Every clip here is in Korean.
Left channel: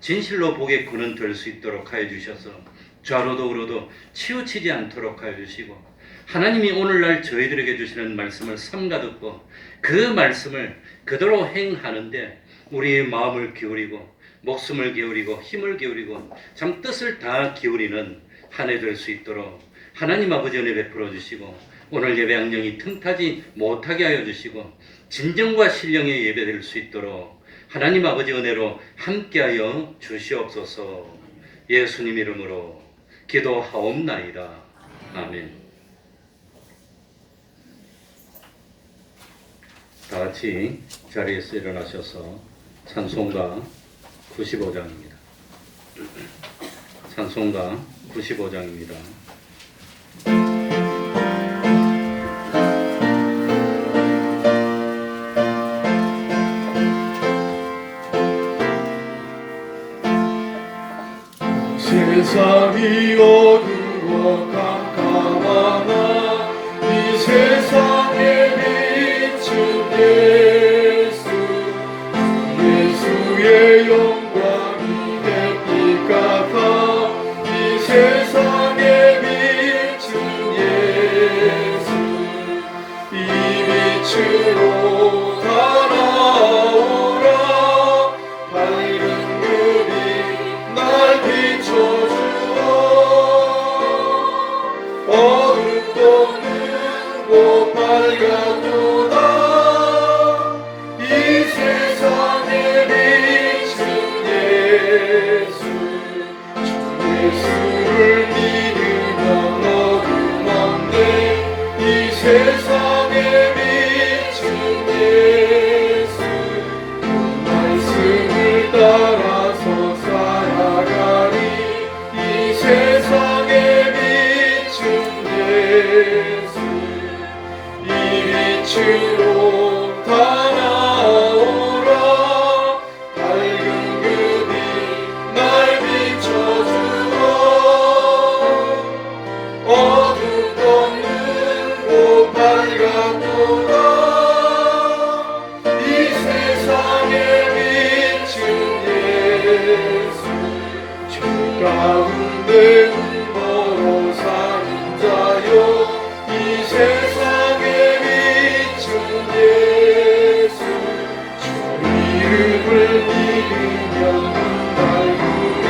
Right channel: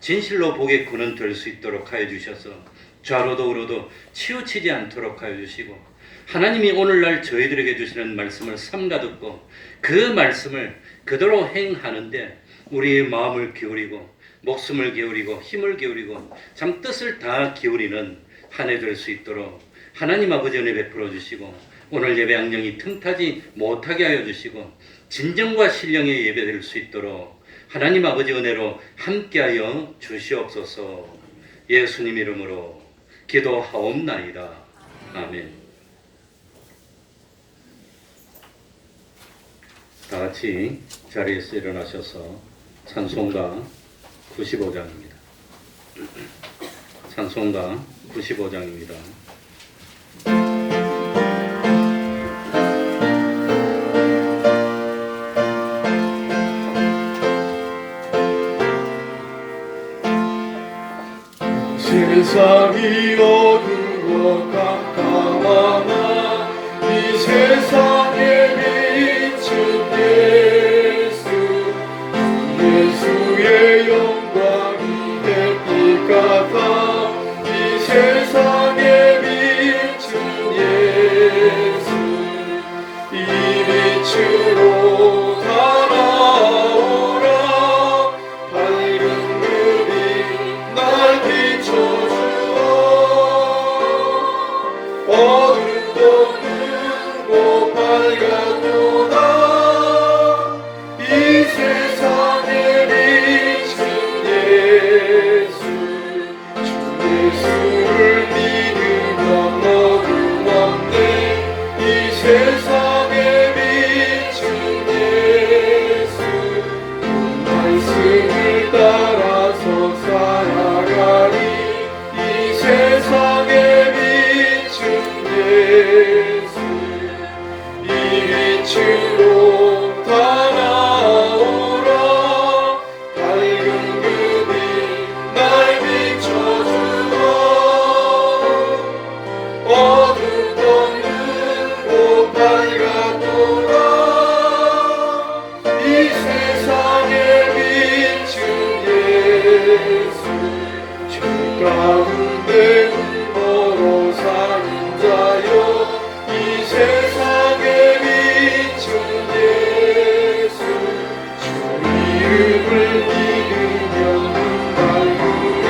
진실로 복의 근원 될 수 있도록 하여 주셔서 좌로도 우로도 치우치지 않도록 하여 주시고, 하나님이 오늘날 저희들에게 주시는 말씀을 삼가 듣고 그 말씀을 그대로 행하는데 우리의 마음을 기울이고 목숨을 기울이고 힘을 기울이고 참 뜻을 다 기울이는 한 해 될 수 있도록 하나님 아버지 은혜 베풀어 주시고, 오늘 예배 양령이 틈타지 못하게 하여 주시고 진정과 신령의 예배 될 수 있도록 하나님 아버지 은혜로 함께하여 주시옵소서. 예수님 이름으로 기도하옵나이다. 아멘. 다 같이 자리에서 일어나셔서 찬송가 95장입니다. 찬송가 95장입니다. 세상이 어두워 깜깜하나 이 세상에 비춘 예수, 예수의 영광이 햇빛 같아 이 세상에 비춘 예수, 이 빛으로 달아오라. 밝은 그빛 날 비춰주라. 어둠도 끊고 밝아도다. 이 세상에 비춘 예수, 주 예수를 믿으면 어둠 없네. 이 세상에 비춘 예수, 그 말씀을 따라서 살아가리. 이 세상에 비춘 예수, 이 빛으로 달아오라. 밝은 그빛 날 비춰주라. 어둠도 없는 곳 밝아도다. 이 세상에 비춘 예수, 주 가운데 울보로 사는 자요. 이 세상에 비춘 예수, 주 이름을 믿으면 밝으리.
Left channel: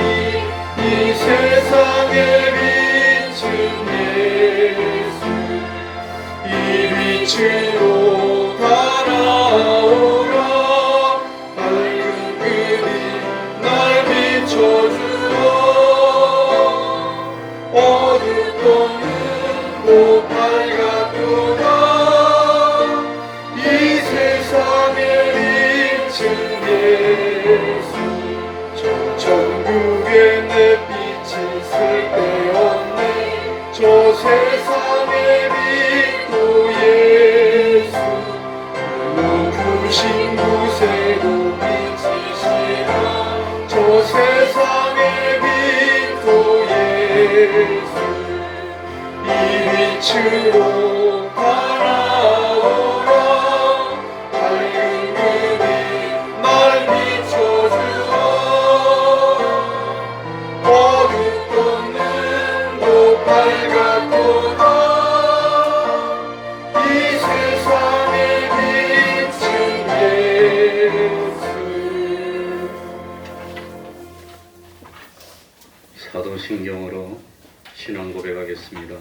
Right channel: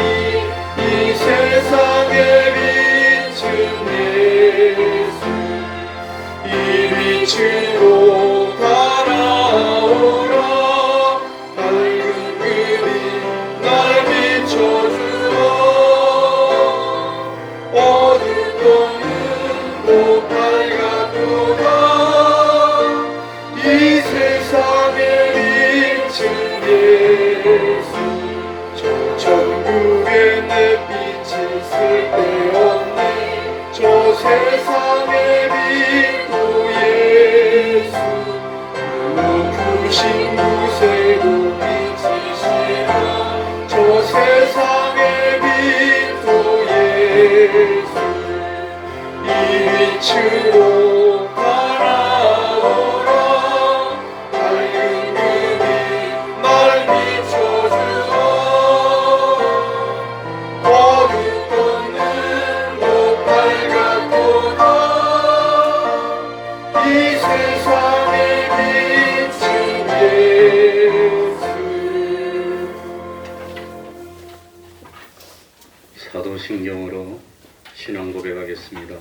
이 세상에 비춘 예수, 이 빛으로 달아오라. 밝은 그빛 날 비춰주라. 어둠도 없는 곳 밝아도다. 이 세상에 비춘 예수, 저 천국의 햇빛이 쓸데없네. 저 세상의 빛도 예수, 부신 곳에도 빛이시라. 저 세상의 빛도 예수, 이 빛으로 달아오라. 밝은 그빛 날 비춰주라. 어둠도 없는 곳 밝아도다. 이 세상에 비춘 예수. 사도신경으로 신앙 고백하겠습니다.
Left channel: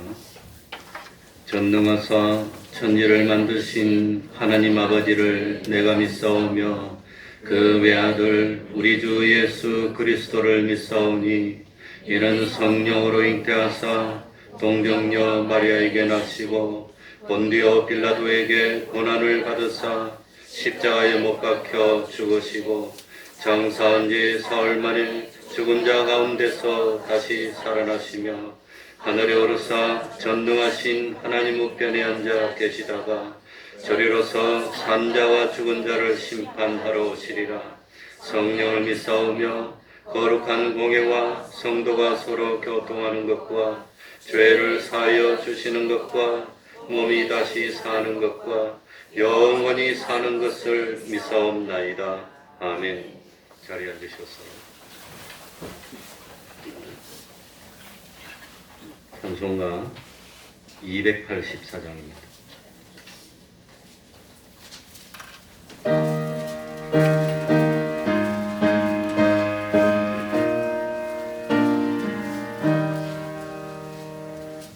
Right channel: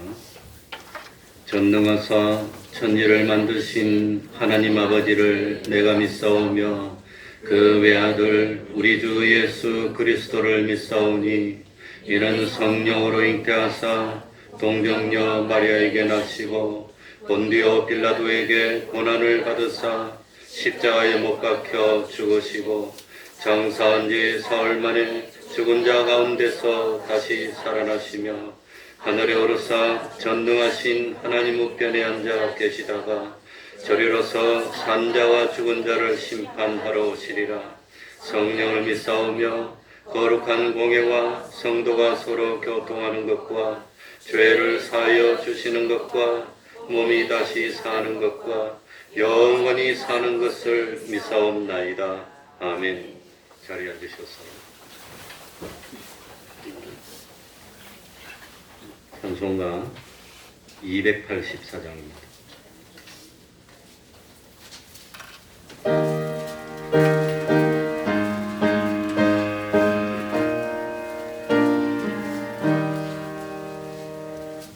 전능하사 천지를 만드신 하나님 아버지를 내가 믿사오며 그 외아들 우리 주 예수 그리스도를 믿사오니, 이는 성령으로 잉태하사 동정녀 마리아에게 낳으시고 본디오 빌라도에게 고난을 받으사 십자가에 못 박혀 죽으시고 장사한 지 사흘 만에 죽은 자 가운데서 다시 살아나시며 하늘에 오르사 전능하신 하나님 우편에 앉아 계시다가 저리로서 산자와 죽은 자를 심판하러 오시리라. 성령을 믿사오며 거룩한 공예와 성도가 서로 교통하는 것과 죄를 사하여 주시는 것과 몸이 다시 사는 것과 영원히 사는 것을 믿사옵나이다. 아멘. 자리에 앉으셔서 찬송가 284장입니다.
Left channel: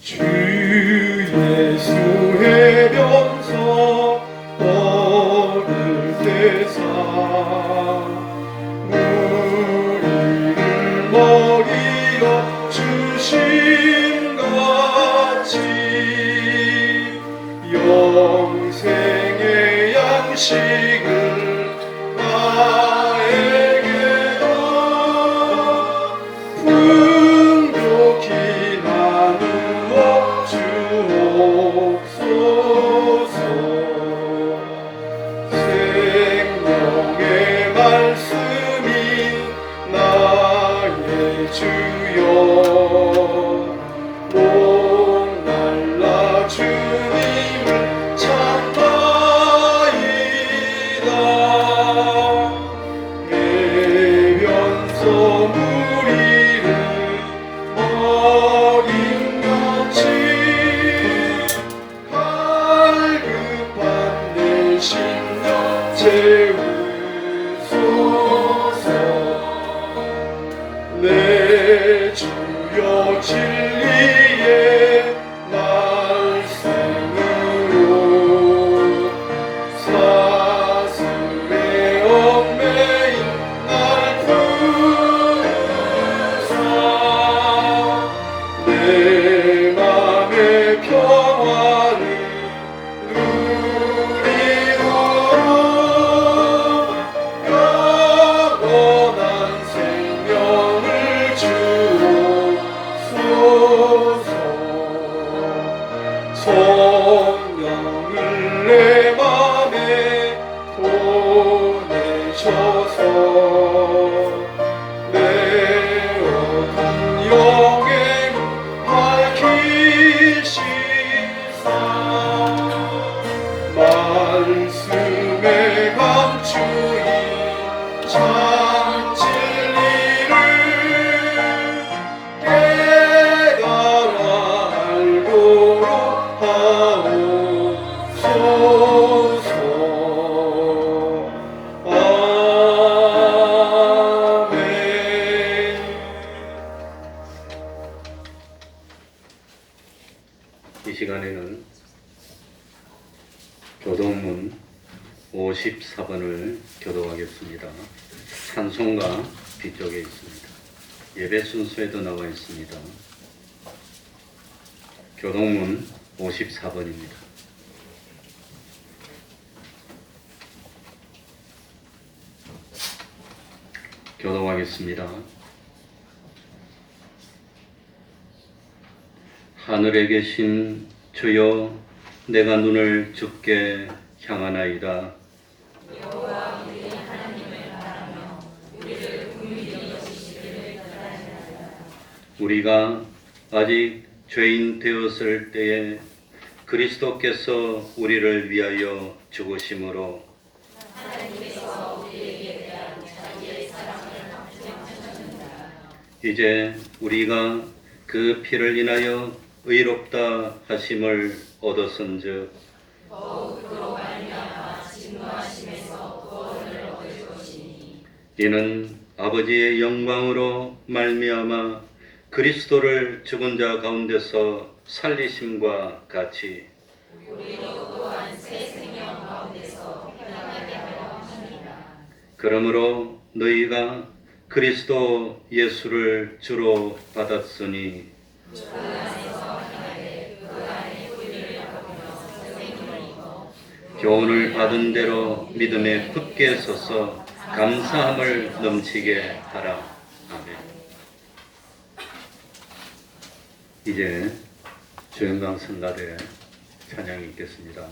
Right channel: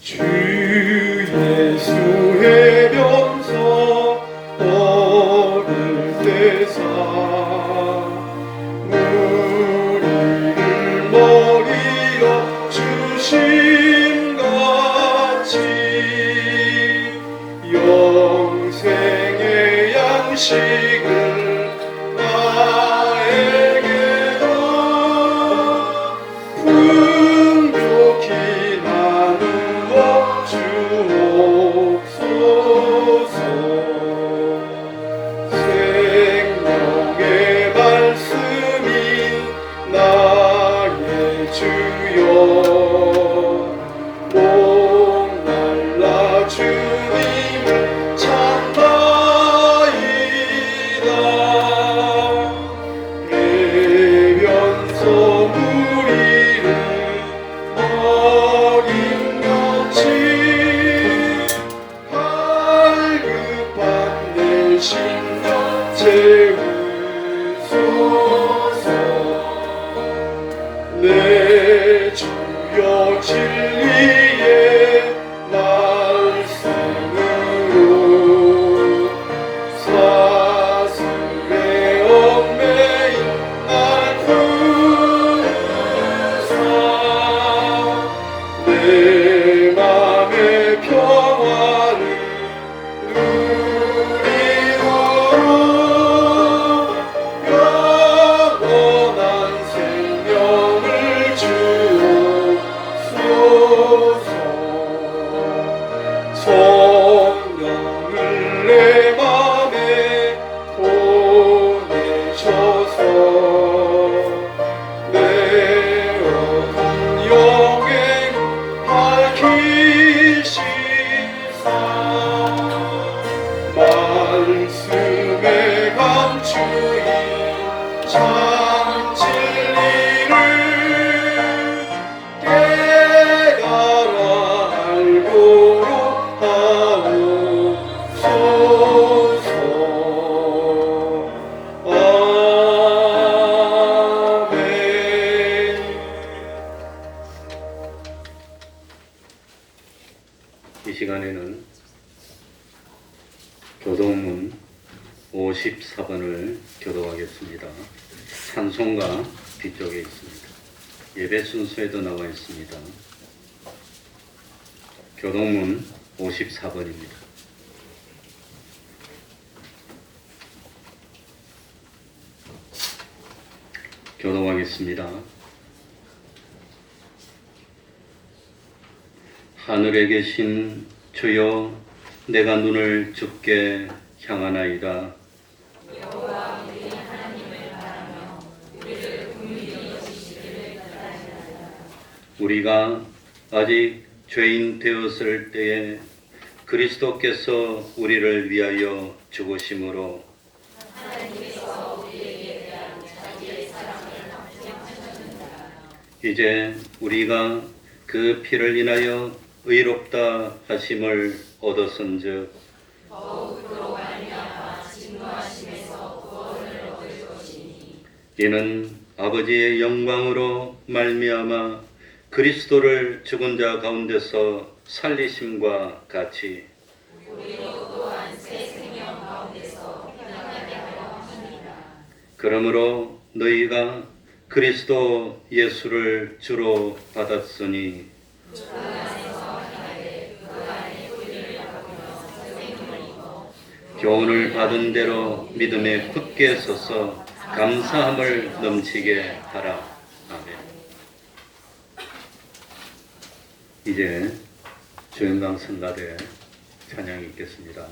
주 예수의 변소 너를 대사 우리를 먹이러 주신 같이 영생의 양식을 나에게로 풍족히 나누어 주옵소서. 생명의 말씀이 나의 주여 목말라 주님을 찾나이다. 해변소 무리를 어린같이 발급한 내 심령 채우소서. 내 주여 진리의 말씀으로 사슬에 얽매인 날 부르사 내 맘의 평화를 누리고 영원한 생명을 주옵소서. 성령을 내 맘에 보내셔서 내 어두운 영에 밝히시사 말씀에 감추인 참 진리를 깨달아 알고록 하옵소서. 아멘. 이 시간에는 교동문 54번을 교도하겠습니다. 찬송가 뒤쪽에 있습니다. 예배 순서에도 나와 있습니다. 교동문 54번입니다. 교도하겠습니다. 하늘에 계신 주여, 내가 눈을 주께 향하나이다. 우리가 아직 죄인 되었을 때에 그리스도께서 우리를 위하여 죽으심으로 이제 우리가 그 피를 인하여 의롭다 하심을 얻었은즉 이는 아버지의 영광으로 말미암아 그리스도를 죽은 자 가운데서 살리심과 같이 그러므로 너희가 그리스도 예수를 주로 받았으니 교훈을 받은 대로 믿음에 굳게 서서 감사함을 넘치게 하라. 아멘. 이제 주영강 성가대 찬양이 있겠습니다.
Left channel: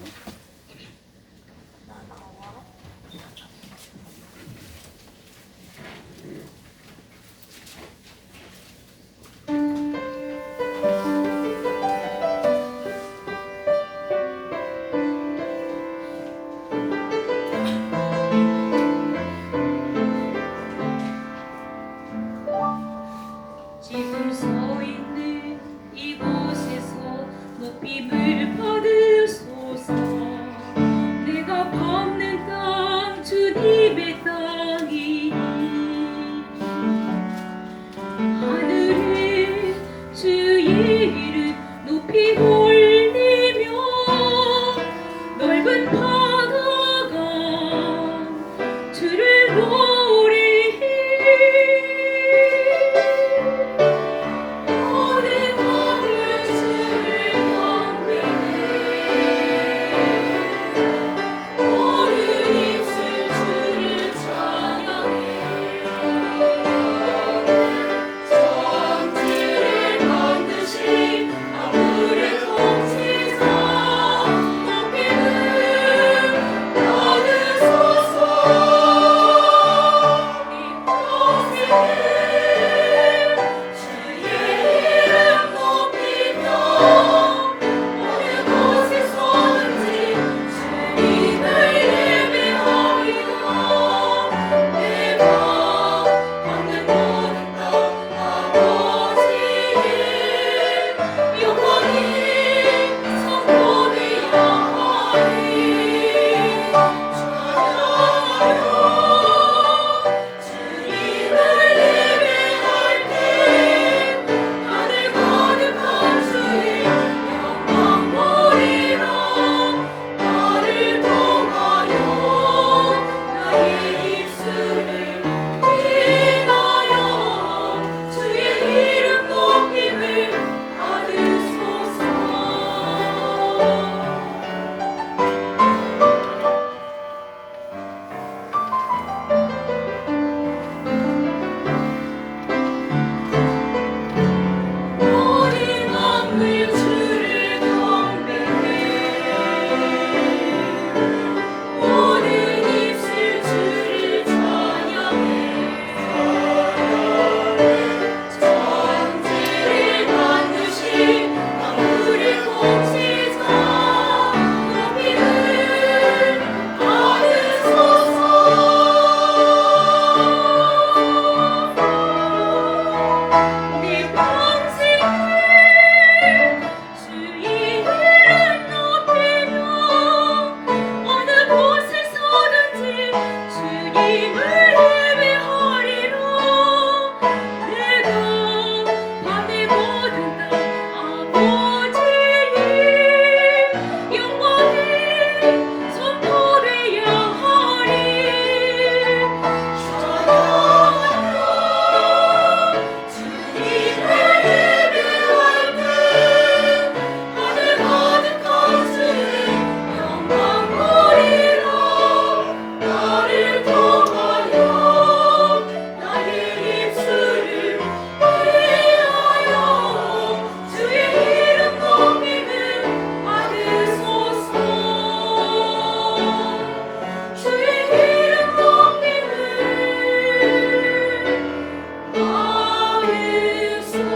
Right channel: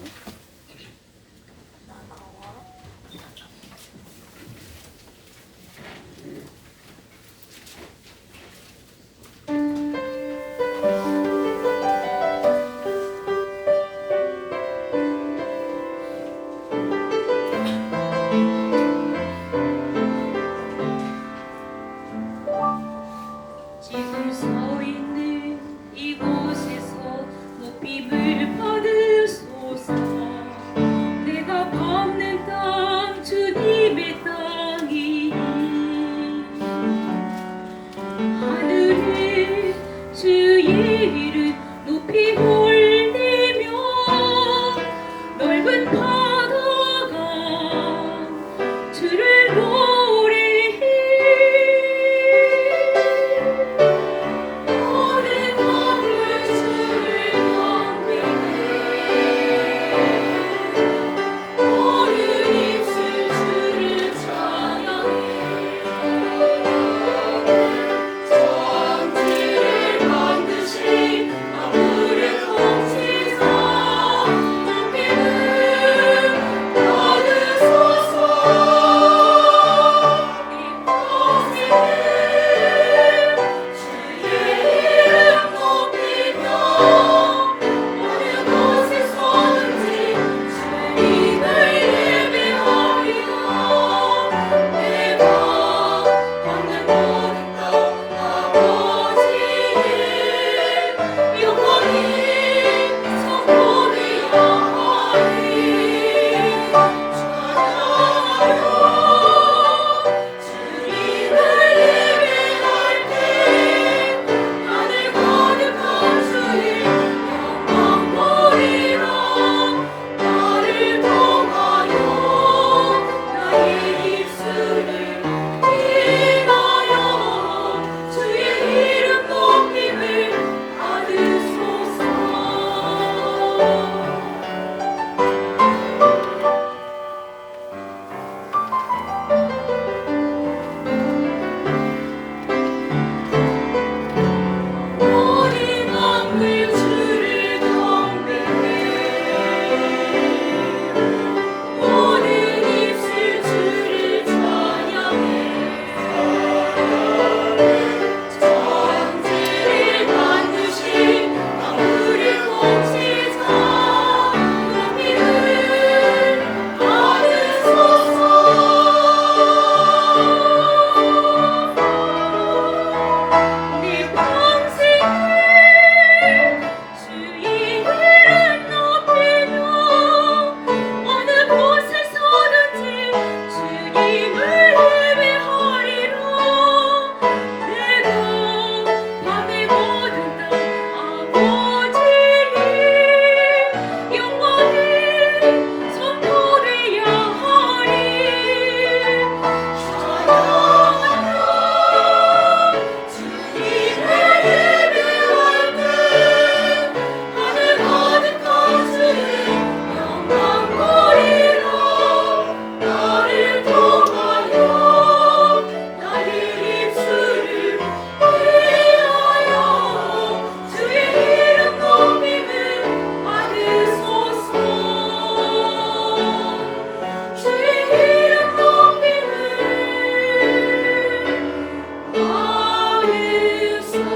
지금 서 있는 이곳에서 높임을 받으소서. 내가 밟는 땅 주님의 땅이니 하늘에 주의 이름 높이 올리며 넓은 바다가 주를 노래해. 모든 마음을 주를 경배해. 모든 입술 주를 찬양해. 천지를 만드신 아무의 통치자 높임을 받으소서. 주의 이름 높이며 어느 곳에 서든지 주님을 예배하여 내가 받는 모든 땅 아버지의 영광이 선포되어 하리. 찬양하여 주님을 예배할 때 하늘 가득한 주의 영광 보리라. 나를 통하여 나의 입술을 인하여 주의 이름 높임을 받으소서. 모든 만물 주를 경배해. 모든 입술 주를 찬양해. 천지를 만드신 아무리 통치자 높임을 받으소서. 내 평생 주의 이름 높이며 어느 곳에 서든지 주님을 예배하리라. 내가 밤의 모든 땅 아버지의 영광이 선포되어야 하리. 찬양하여 주님을 예배할 때 하늘 가득한 주의 영광 보이라. 나를 통하여 나의 입술을 위하여 주의 이름 높임을 받으소서. 주의 이름 높임을 받으소서.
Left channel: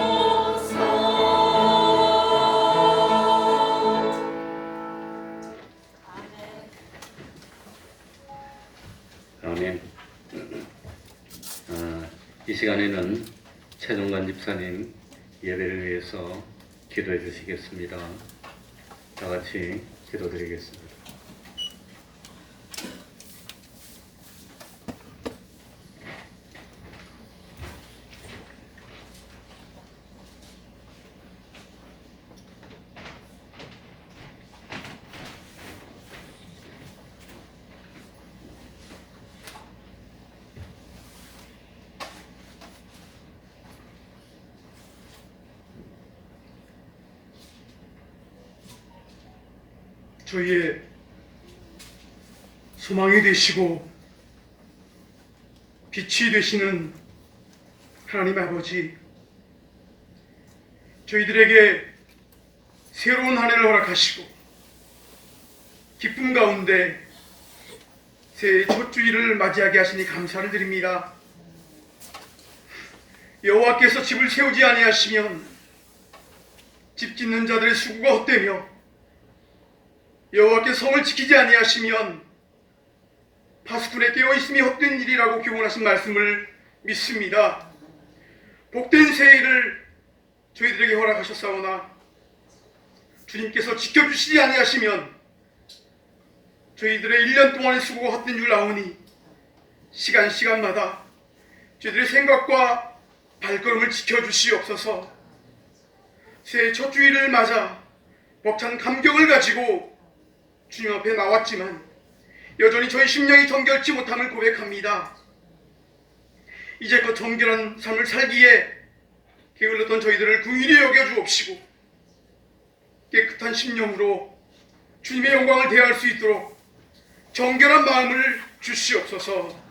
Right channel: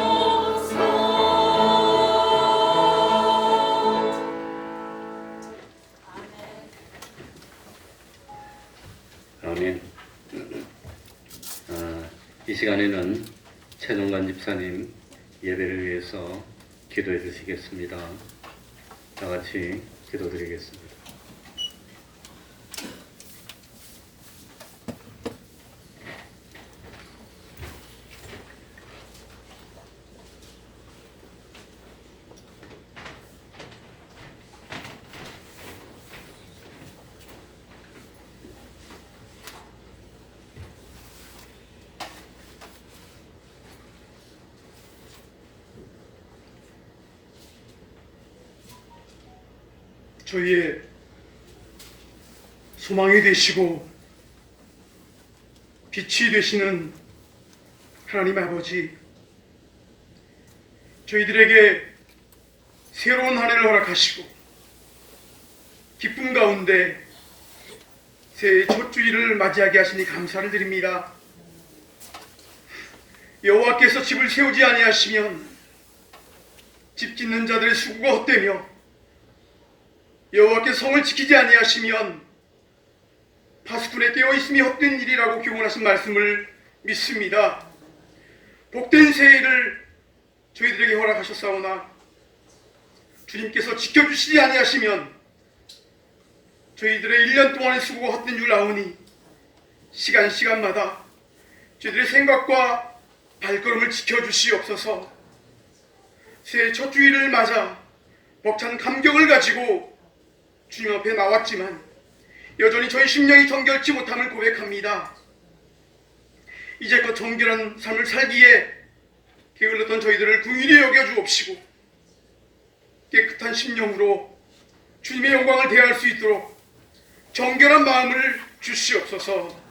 아멘. 이 시간에는 최동관 집사님 예배를 위해서 기도해 주시겠습니다. 다 같이 기도드리겠습니다. 저희의 소망이 되시고 빛이 되시는 하나님 아버지, 저희들에게 새로운 한 해를 허락하시고 기쁨 가운데 새해 첫 주일을 맞이하게 하시니 감사를 드립니다. 여호와께서 집을 세우지 아니하시면 집 짓는 자들의 수고가 헛되며 여호와께서 성을 지키지 아니하시면 파수꾼의 깨어있음이 헛된 일이라고 교훈하신 말씀을 믿습니다. 복된 새해를 저희들에게 허락하셨사오나 주님께서 지켜주시지 아니하시면 저희들의 1년 동안의 수고가 헛된 줄 아오니 시간마다 저희들의 생각과 발걸음을 지켜주시옵소서. 새해 첫 주일을 맞아 벅찬 감격을 가지고 주님 앞에 나왔지만 여전히 저희 심령이 정결치 못함을 고백합니다. 이제껏 정결한 삶을 살기에 게을렀던 저희들을 긍휼히 여겨주옵시고 깨끗한 심령으로 주님의 영광을 대할 수 있도록 정결한 마음을 주시옵소서.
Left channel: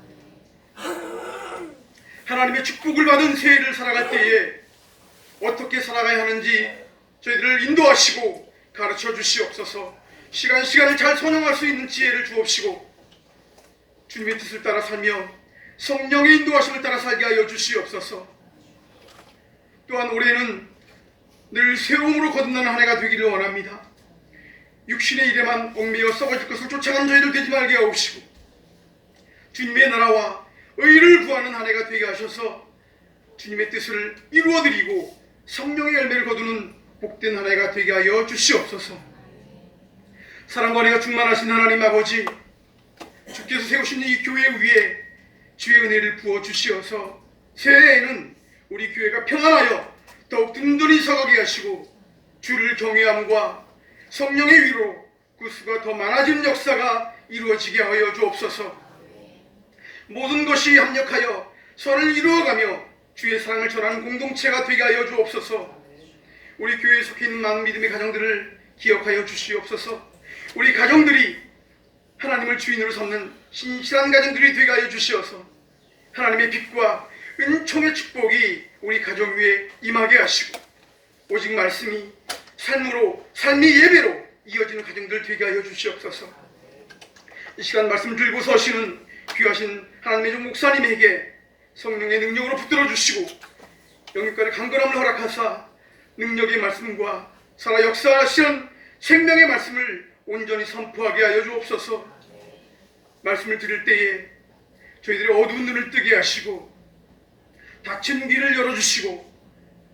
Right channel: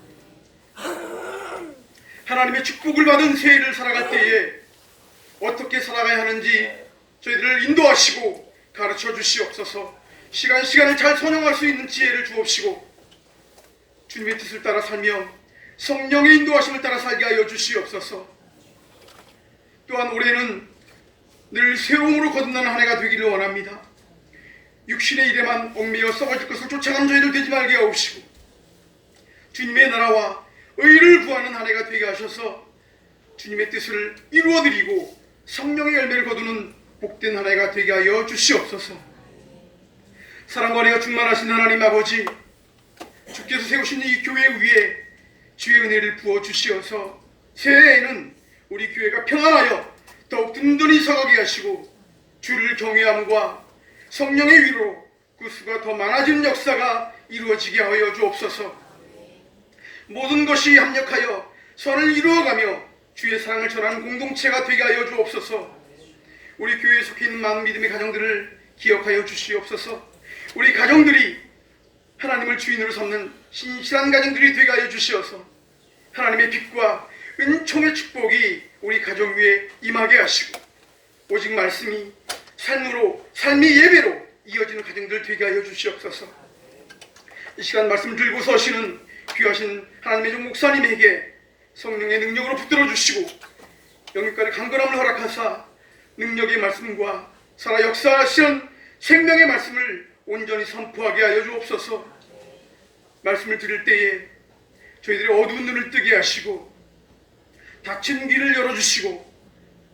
하나님의 축복을 받은 새해를 살아갈 때에 어떻게 살아가야 하는지 저희들을 인도하시고 가르쳐 주시옵소서. 시간을 잘 선용할 수 있는 지혜를 주옵시고 주님의 뜻을 따라 살며 성령의 인도하심을 따라 살게 하여 주시옵소서. 또한 올해는 늘 새로움으로 거듭나는 한 해가 되기를 원합니다. 육신의 일에만 얽매여 썩어질 것을 쫓아간 저희들 되지 말게 하옵시고 주님의 나라와 의를 구하는 한 해가 되게 하셔서 주님의 뜻을 이루어드리고 성령의 열매를 거두는 복된 한 해가 되게 하여 주시옵소서. 사랑과 은혜가 충만하신 하나님 아버지, 주께서 세우신 이 교회 위에 주의 은혜를 부어 주시어서 새해에는 우리 교회가 평안하여 더욱 든든히 서가게 하시고 주를 경외함과 성령의 위로 구수가 더 많아지는 역사가 이루어지게 하여 주옵소서. 모든 것이 합력하여 선을 이루어가며 주의 사랑을 전하는 공동체가 되게 하여 주옵소서. 우리 교회에 속해 있는 많은 믿음의 가정들을 기억하여 주시옵소서. 우리 가정들이 하나님을 주인으로 삼는 신실한 가정들이 되게 하여 주시어서 하나님의 빛과 은총의 축복이 우리 가정 위에 임하게 하시고 오직 말씀이 삶이 예배로 이어지는 가정들 되게 하여 주시옵소서. 이 시간 말씀 들고 서시는 귀하신 하나님의 종 목사님에게 성령의 능력으로 붙들어 주시고 영육간의 강건함을 허락하사 능력의 말씀과 살아 역사하시는 생명의 말씀을 온전히 선포하게 하여 주옵소서. 말씀을 들을 때에 저희들의 어두운 눈을 뜨게 하시고 닫힌 귀를 열어주시고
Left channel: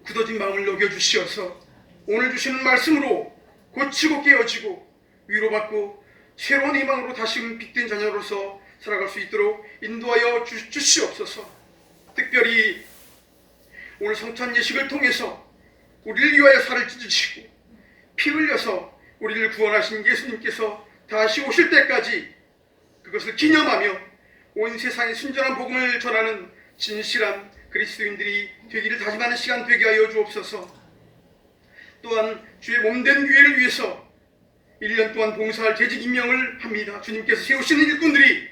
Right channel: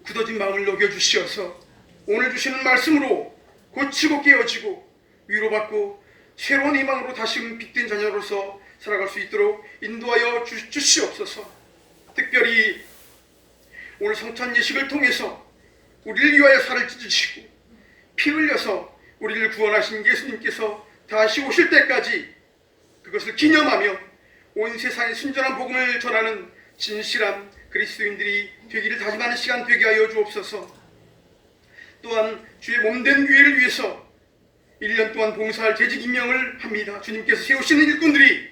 굳어진 마음을 녹여주시어서 오늘 주시는 말씀으로 고치고 깨어지고 위로받고 새로운 희망으로 다시금 빛된 자녀로서 살아갈 수 있도록 인도하여 주시옵소서. 특별히 오늘 성찬 예식을 통해서 우리를 위하여 살을 찢으시고 피 흘려서 우리를 구원하신 예수님께서 다시 오실 때까지 그것을 기념하며 온 세상에 순전한 복음을 전하는 진실한 그리스도인들이 되기를 다짐하는 시간 되게 하여 주옵소서. 또한 주의 몸된 교회를 위해서 1년 동안 봉사할 재직 임명을 합니다. 주님께서 세우시는 일꾼들이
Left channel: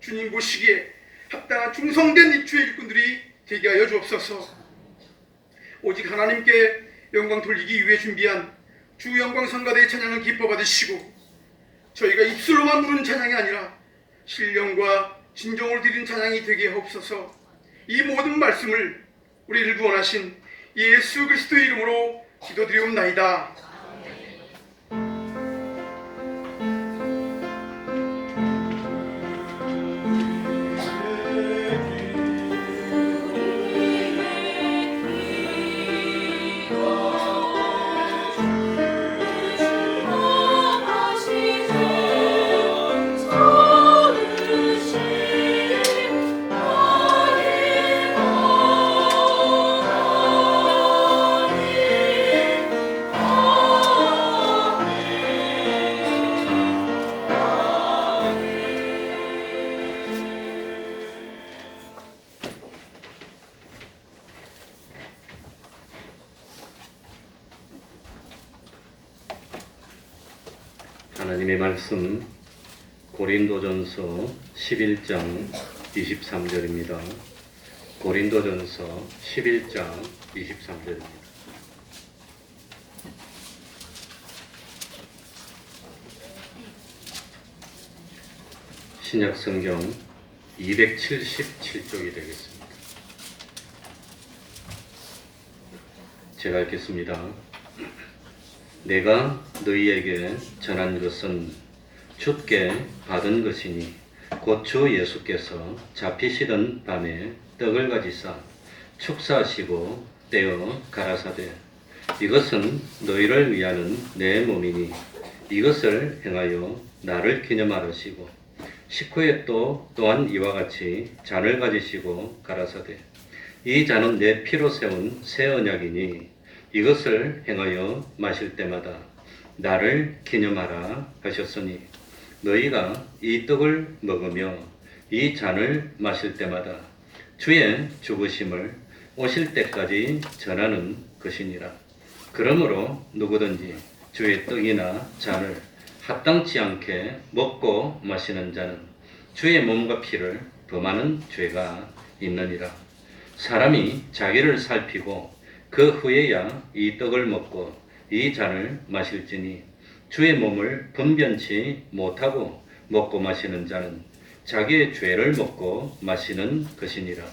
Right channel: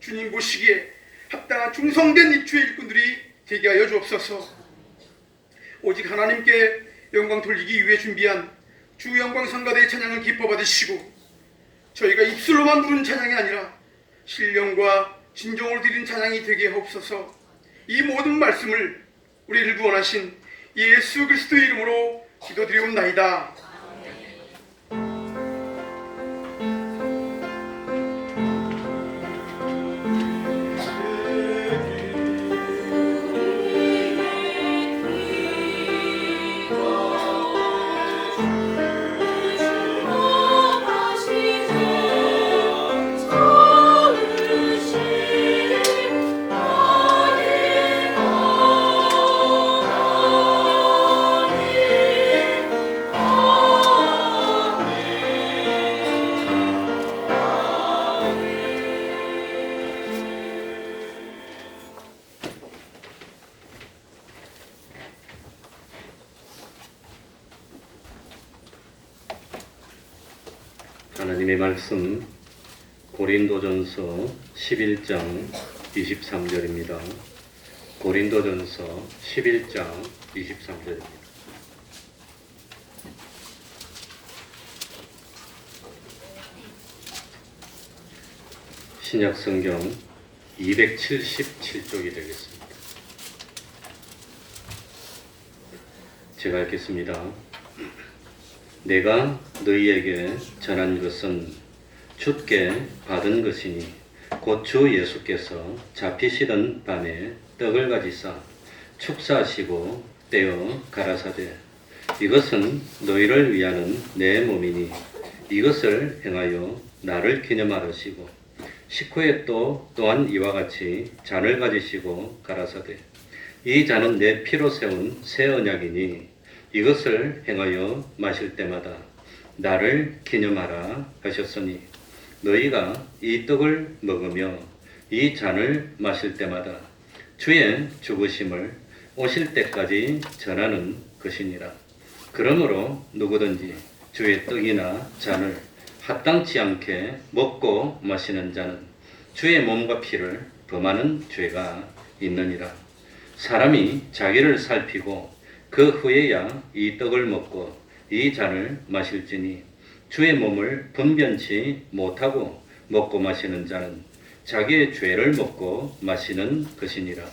주님 보시기에 합당한 충성된 주의 일꾼들이 되게 하여 주옵소서. 오직 하나님께 영광 돌리기 위해 준비한 주 영광 성가대의 찬양을 기뻐 받으시고 저희가 입술로만 부르는 찬양이 아니라 신령과 진정으로 드리는 찬양이 되게 하옵소서. 이 모든 말씀을 우리를 구원하신 예수 그리스도의 이름으로 기도드리옵나이다. 하나님의 말씀 고린도전서 11장 23절입니다. 고린도전서 11장 23절입니다. 신약성경 277쪽이 되겠습니다. 제가 읽겠습니다. 내가 너희에게 전한 것은 주께 받은 것이니 곧 주 예수께서 잡히시던 밤에 떡을 가지사 축사하시고 떼어 가라사대 이것은 너희를 위하는 내 몸이니 이것을 행하여 나를 기념하시고 식후에 또한 이와 같이 잔을 가지시고 가라사대 이 잔은 내 피로 세운 새 언약이니 이것을 행하여 마실 때마다 나를 기념하라 하셨으니 너희가 이 떡을 먹으며 이 잔을 마실 때마다 주의 죽으심을 오실 때까지 전하는 것이니라. 그러므로 누구든지 주의 떡이나 잔을 합당치 않게 먹고 마시는 자는 주의 몸과 피를 범하는 죄가 있느니라. 사람이 자기를 살피고 그 후에야 이 떡을 먹고 이 잔을 마실지니 주의 몸을 분변치 못하고 먹고 마시는 자는 자기의 죄를 먹고 마시는 것이니라.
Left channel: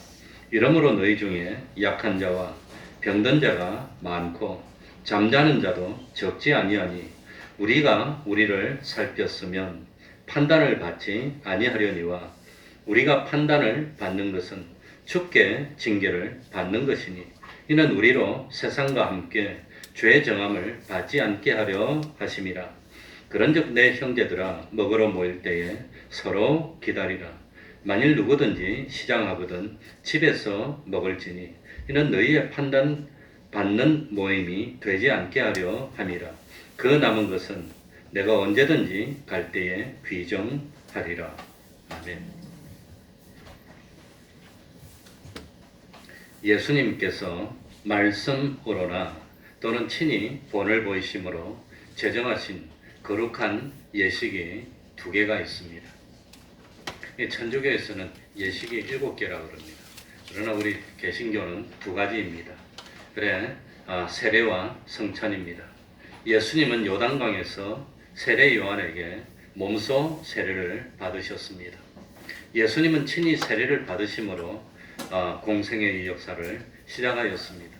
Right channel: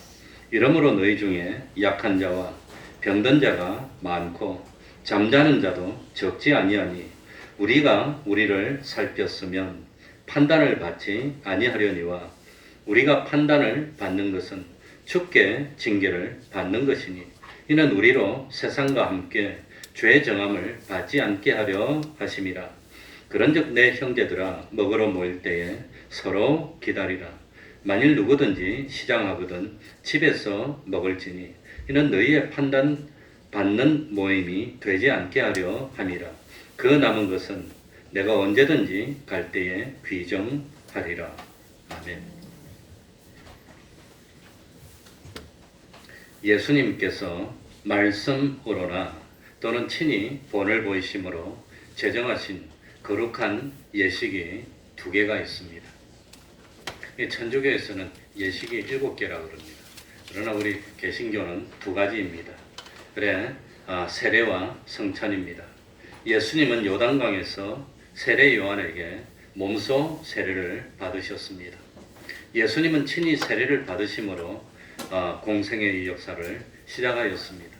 이러므로 너희 중에 약한 자와 병든 자가 많고 잠자는 자도 적지 아니하니 우리가 우리를 살폈으면 판단을 받지 아니하려니와 우리가 판단을 받는 것은 주께 징계를 받는 것이니 이는 우리로 세상과 함께 죄 정함을 받지 않게 하려 하심이라. 그런즉 내 형제들아 먹으러 모일 때에 서로 기다리라. 만일 누구든지 시장하거든 집에서 먹을지니 이는 너희의 판단 받는 모임이 되지 않게 하려 함이라. 그 남은 것은 내가 언제든지 갈 때에 귀정하리라. 아멘. 예수님께서 말씀으로나 또는 친히 본을 보이심으로 제정하신 거룩한 예식이 2개가 있습니다. 천주교에서는 예식이 7개라고 그럽니다. 그러나 우리 개신교는 2가지입니다. 그래, 세례와 성찬입니다. 예수님은 요단강에서 세례 요한에게 몸소 세례를 받으셨습니다. 예수님은 친히 세례를 받으심으로 공생의 역사를 시작하였습니다.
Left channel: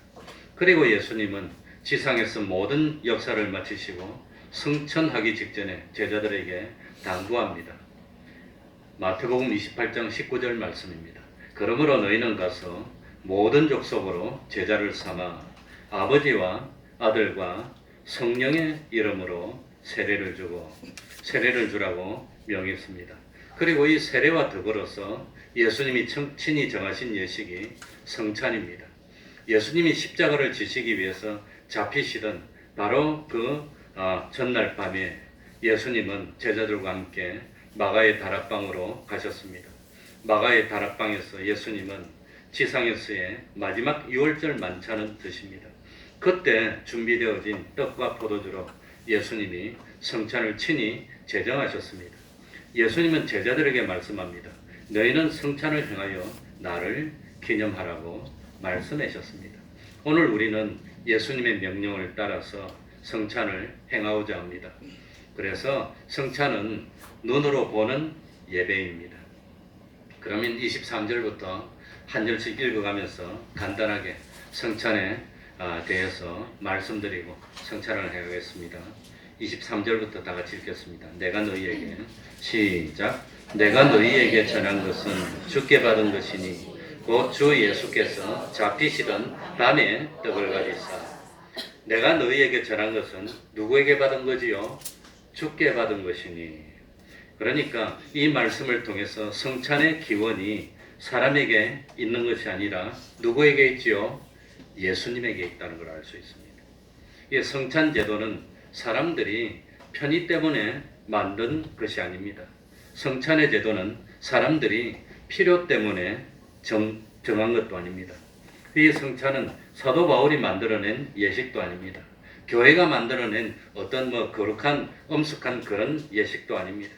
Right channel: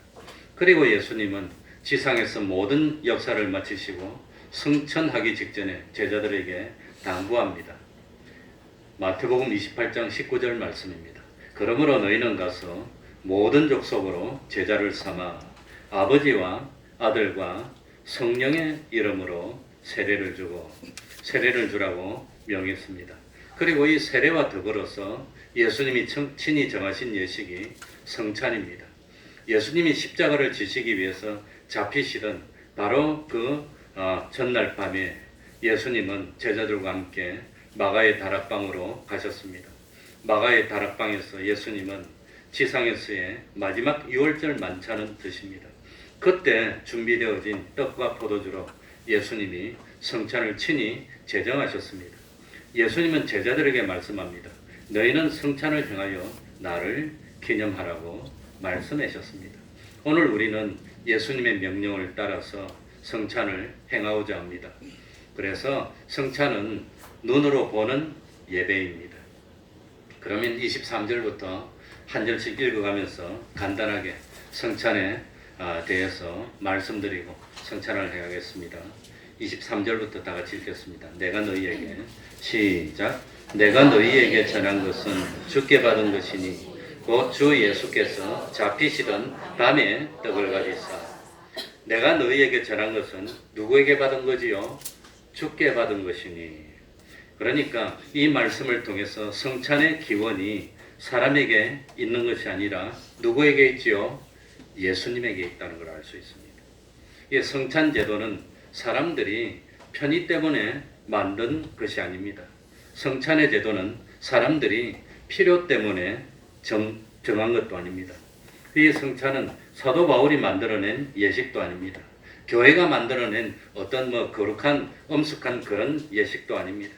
그리고 예수님은 지상에서 모든 역사를 마치시고 승천하기 직전에 제자들에게 당부합니다. 마태복음 28장 19절 말씀입니다. 그러므로 너희는 가서 모든 족속으로 제자를 삼아 아버지와 아들과 성령의 이름으로 세례를 주라고 명했습니다. 그리고 이 세례와 더불어서 예수님이 친히 정하신 예식이 성찬입니다. 예수님이 십자가를 지시기 위해서 잡히시던 바로 그 전날 밤에 예수님은 제자들과 함께 마가의 다락방으로 가셨습니다. 마가의 다락방에서 예수님은 지상에서의 마지막 6월절 만찬을 드십니다. 그때 준비되어진 떡과 포도주로 예수님이 성찬을 친히 제정하셨습니다. 예수님은 제자들에게 말씀합니다. 너희는 성찬을 행하여 나를 기념하라고 말씀하셨습니다. 오늘 우리는 예수님의 명령을 따라서 성찬을 행하고자 합니다. 그래서 성찬은 눈으로 보는 예배입니다. 그러면 23절부터 한 절씩 읽어가면서 간단하게 성찬에 대해서 말씀드리고 성찬을 해야겠습니다. 23절부터 다 같이 읽겠습니다. 내가 너희에게 시작. 내가 너희에게 전한 것은 주께 받은 것이니 곧 주 예수께서 잡히시던 밤에 떡을 가지사. 내가 너희에게 전한 것은 누구에게 받은 거지요? 주께 받은 것이니. 그러니까 이 말씀을 통해서 성찬의 기원이 사람에게 있는 것이 아니라 누구에게 있지요? 예수님에게 있다는 걸 알 수 있습니다. 이 성찬 제도는 사람들이 편의 때문에 만든 것이 아닙니다. 성찬의 제도는 사람들이 필요 때문에 정한 것도 아닙니다. 이 성찬은 사도 바울이 만들어낸 예식도 아닙니다. 교회가 만들어낸 어떤 거룩한 엄숙한 그런 예식도 아닙니다.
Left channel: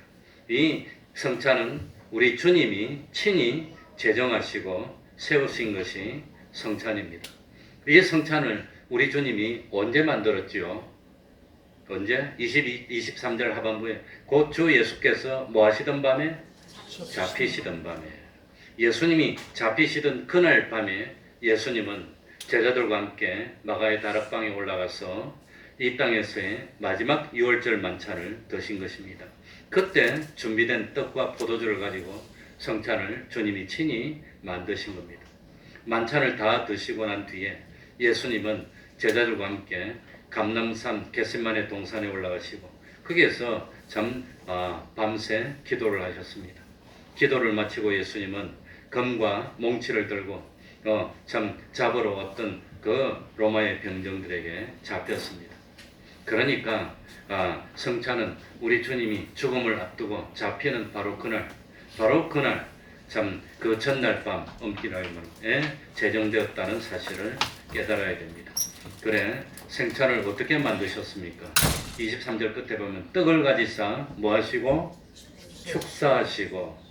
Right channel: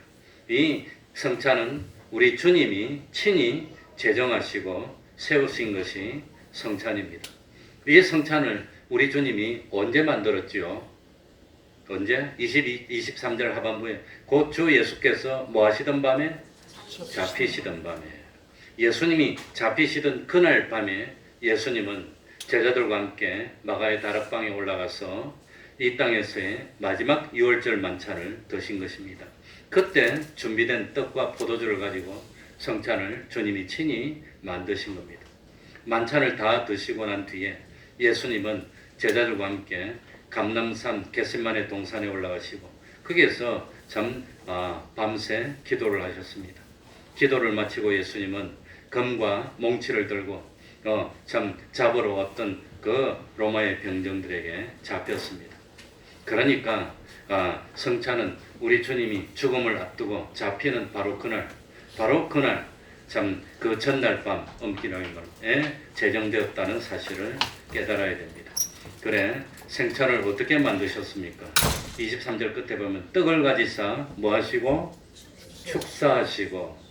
이 성찬은 우리 주님이 친히 제정하시고 세우신 것이 성찬입니다. 이 성찬을 우리 주님이 언제 만들었지요? 언제? 23절 하반부에 곧 주 예수께서 뭐 하시던 밤에? 잡히시던 밤에. 예수님이 잡히시던 그날 밤에 예수님은 제자들과 함께 마가의 다락방에 올라가서 이 땅에서의 마지막 6월절 만찬을 드신 것입니다. 그때 준비된 떡과 포도주를 가지고 성찬을 주님이 친히 만드신 겁니다. 만찬을 다 드시고 난 뒤에 예수님은 제자들과 함께 감람산 겟세마네 동산에 올라가시고 거기에서 밤새 기도를 하셨습니다. 기도를 마치고 예수님은 검과 몽치를 들고 잡으러 왔던 그 로마의 병정들에게 잡혔습니다. 그러니까 성찬은 우리 주님이 죽음을 앞두고 잡히는 바로 그날 그 전날 밤 엄기날에 제정되었다는 사실을 깨달아야 됩니다. 그래 생찬을 어떻게 만드셨습니까? 23절 끝에 보면 떡을 가지사 뭐 하시고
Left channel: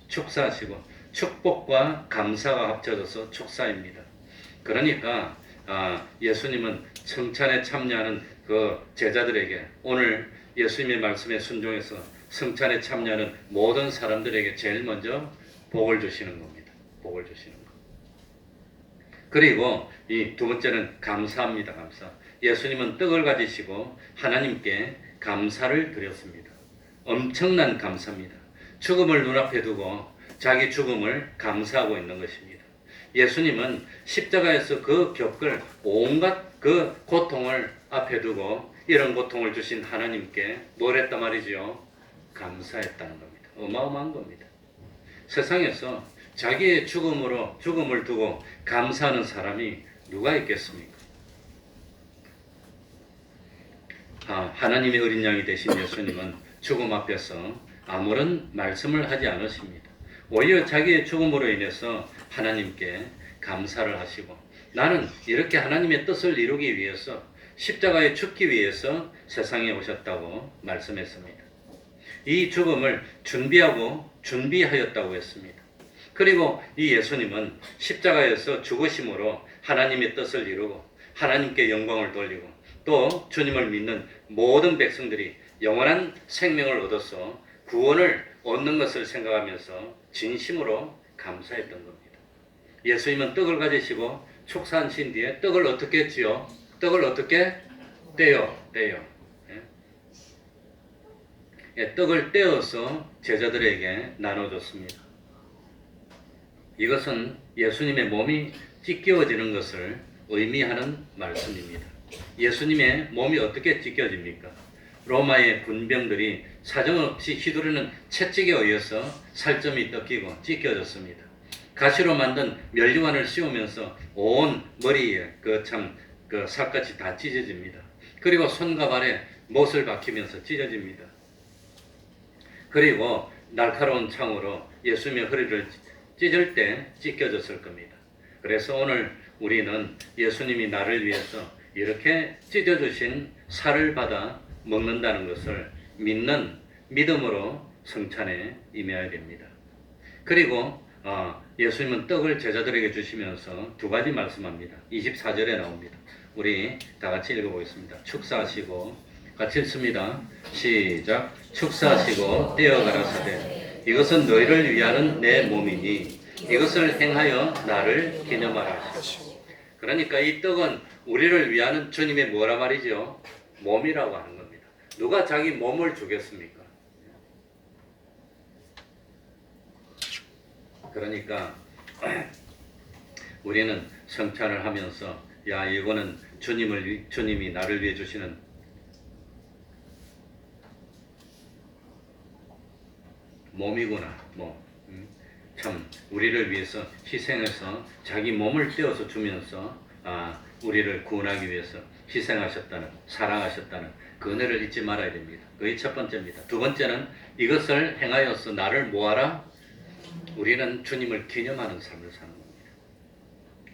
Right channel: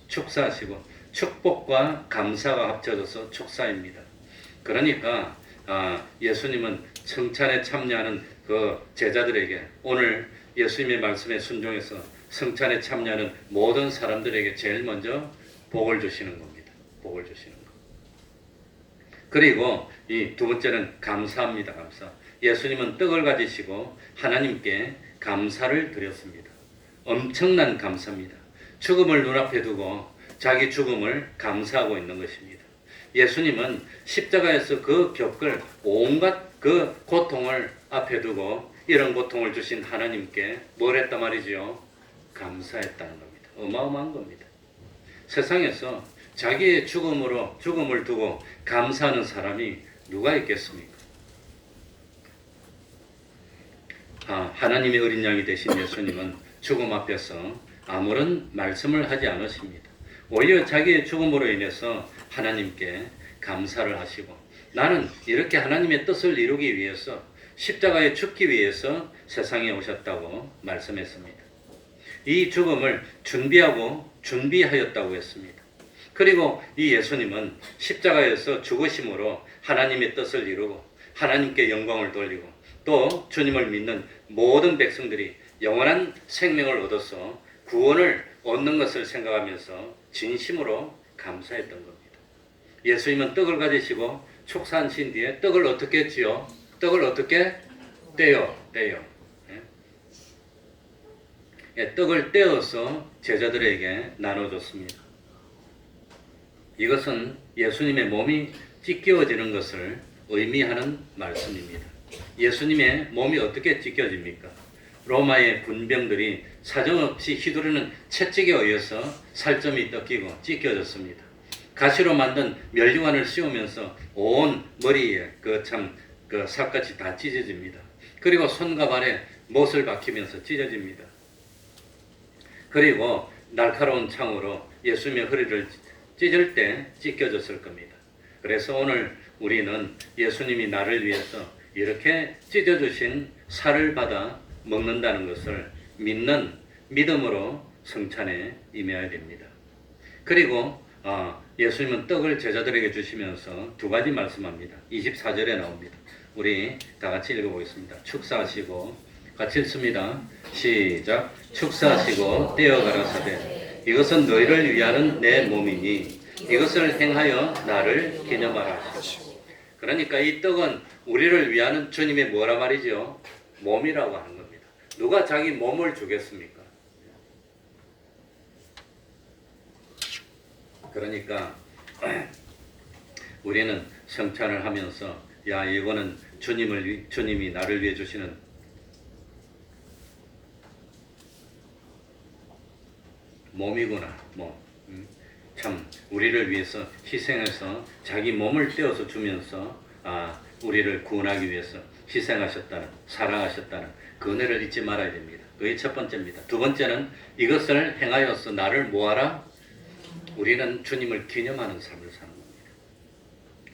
축사하시고 축복과 감사가 합쳐져서 축사입니다. 그러니까 예수님은 성찬에 참여하는 그 제자들에게 오늘 예수님의 말씀에 순종해서 성찬에 참여하는 모든 사람들에게 제일 먼저 복을 주시는 겁니다. 복을 주시는 거. 그리고 이 두 번째는 감사합니다. 감사. 예수님은 떡을 가지시고 하나님께 감사를 드렸습니다. 엄청난 감사입니다. 죽음을 눈앞에 두고 자기 죽음을 감사하고 있는 것입니다. 예수님은 십자가에서 그 겪을 온갖 그 고통을 앞에 두고 이런 고통을 주신 하나님께 뭘 했단 말이죠? 감사했다는 겁니다. 어마어마한 겁니다. 세상에서 자기의 죽음을 두고 감사하는 사람이 누가 있겠습니까? 하나님의 어린 양이 되신 예수님은 죽음 앞에서 아무런 말씀을 하지 않으십니다. 오히려 자기의 죽음으로 인해서 하나님께 감사를 하시고 나는 이렇게 하나님의 뜻을 이루기 위해서 십자가에 죽기 위해서 세상에 오셨다고 말씀했습니다. 이 죽음을 준비하였다고 했습니다. 그리고 이 예수님은 십자가에서 죽으심으로 하나님의 뜻을 이루고 하나님께 영광을 돌리고 또 주님을 믿는 모든 백성들이 영원한 생명을 얻어서 구원을 얻는 것을 생각하면서 진심으로 감사했던 겁니다. 예수님은 떡을 가지시고 축사하신 뒤에 떡을 어떻게 했지요? 떡을 어떻게 떼요. 떡을 떼어서 제자들에게 나눠줬습니다. 이것은 예수님의 몸이 찢겨지는 것을 의미하는 말씀입니다. 예수님의 몸이 어떻게 찢겨집니까? 로마의 군병들이 사정없이 휘두르는 채찍에 의해서 살점이 뜯기고 찢겨졌습니다. 가시로 만든 면류관을 씌우면서 온 머리에 그 살갗이 다 찢어집니다. 그리고 손과 발에 못을 박히면서 찢어집니다. 그리고 날카로운 창으로 예수님의 허리를 찢을 때 찢겨졌을 겁니다. 그래서 오늘 우리는 예수님이 나를 위해서 이렇게 찢어주신 살을 받아 먹는다는 것을 믿는 믿음으로 성찬에 임해야 됩니다. 그리고 예수님은 떡을 제자들에게 주시면서 두 가지 말씀합니다. 24절에 나옵니다. 우리 다 같이 읽어보겠습니다. 축사하시고 같이 읽습니다. 시작. 축사하시고 떼어 가라사대 이것은 너희를 위하는 내 몸이니 이것을 행하여 나를 기념하라. 그러니까 이 떡은 우리를 위하는 주님의 뭐라 말이죠? 몸이라고 하는 겁니다. 누가 자기 몸을 주겠습니까? 그러니까 우리는 성찬을 하면서 이거는 주님이 나를 위해 주시는 몸이구나. 참 우리를 위해서 희생해서 자기 몸을 떼어서 주면서 우리를 구원하기 위해서 희생하셨다는 사랑하셨다는 그 은혜를 잊지 말아야 됩니다. 그게 첫 번째입니다. 두 번째는 이것을 행하여서 나를 뭐하라? 우리는 주님을 기념하는 삶을 사는 겁니다.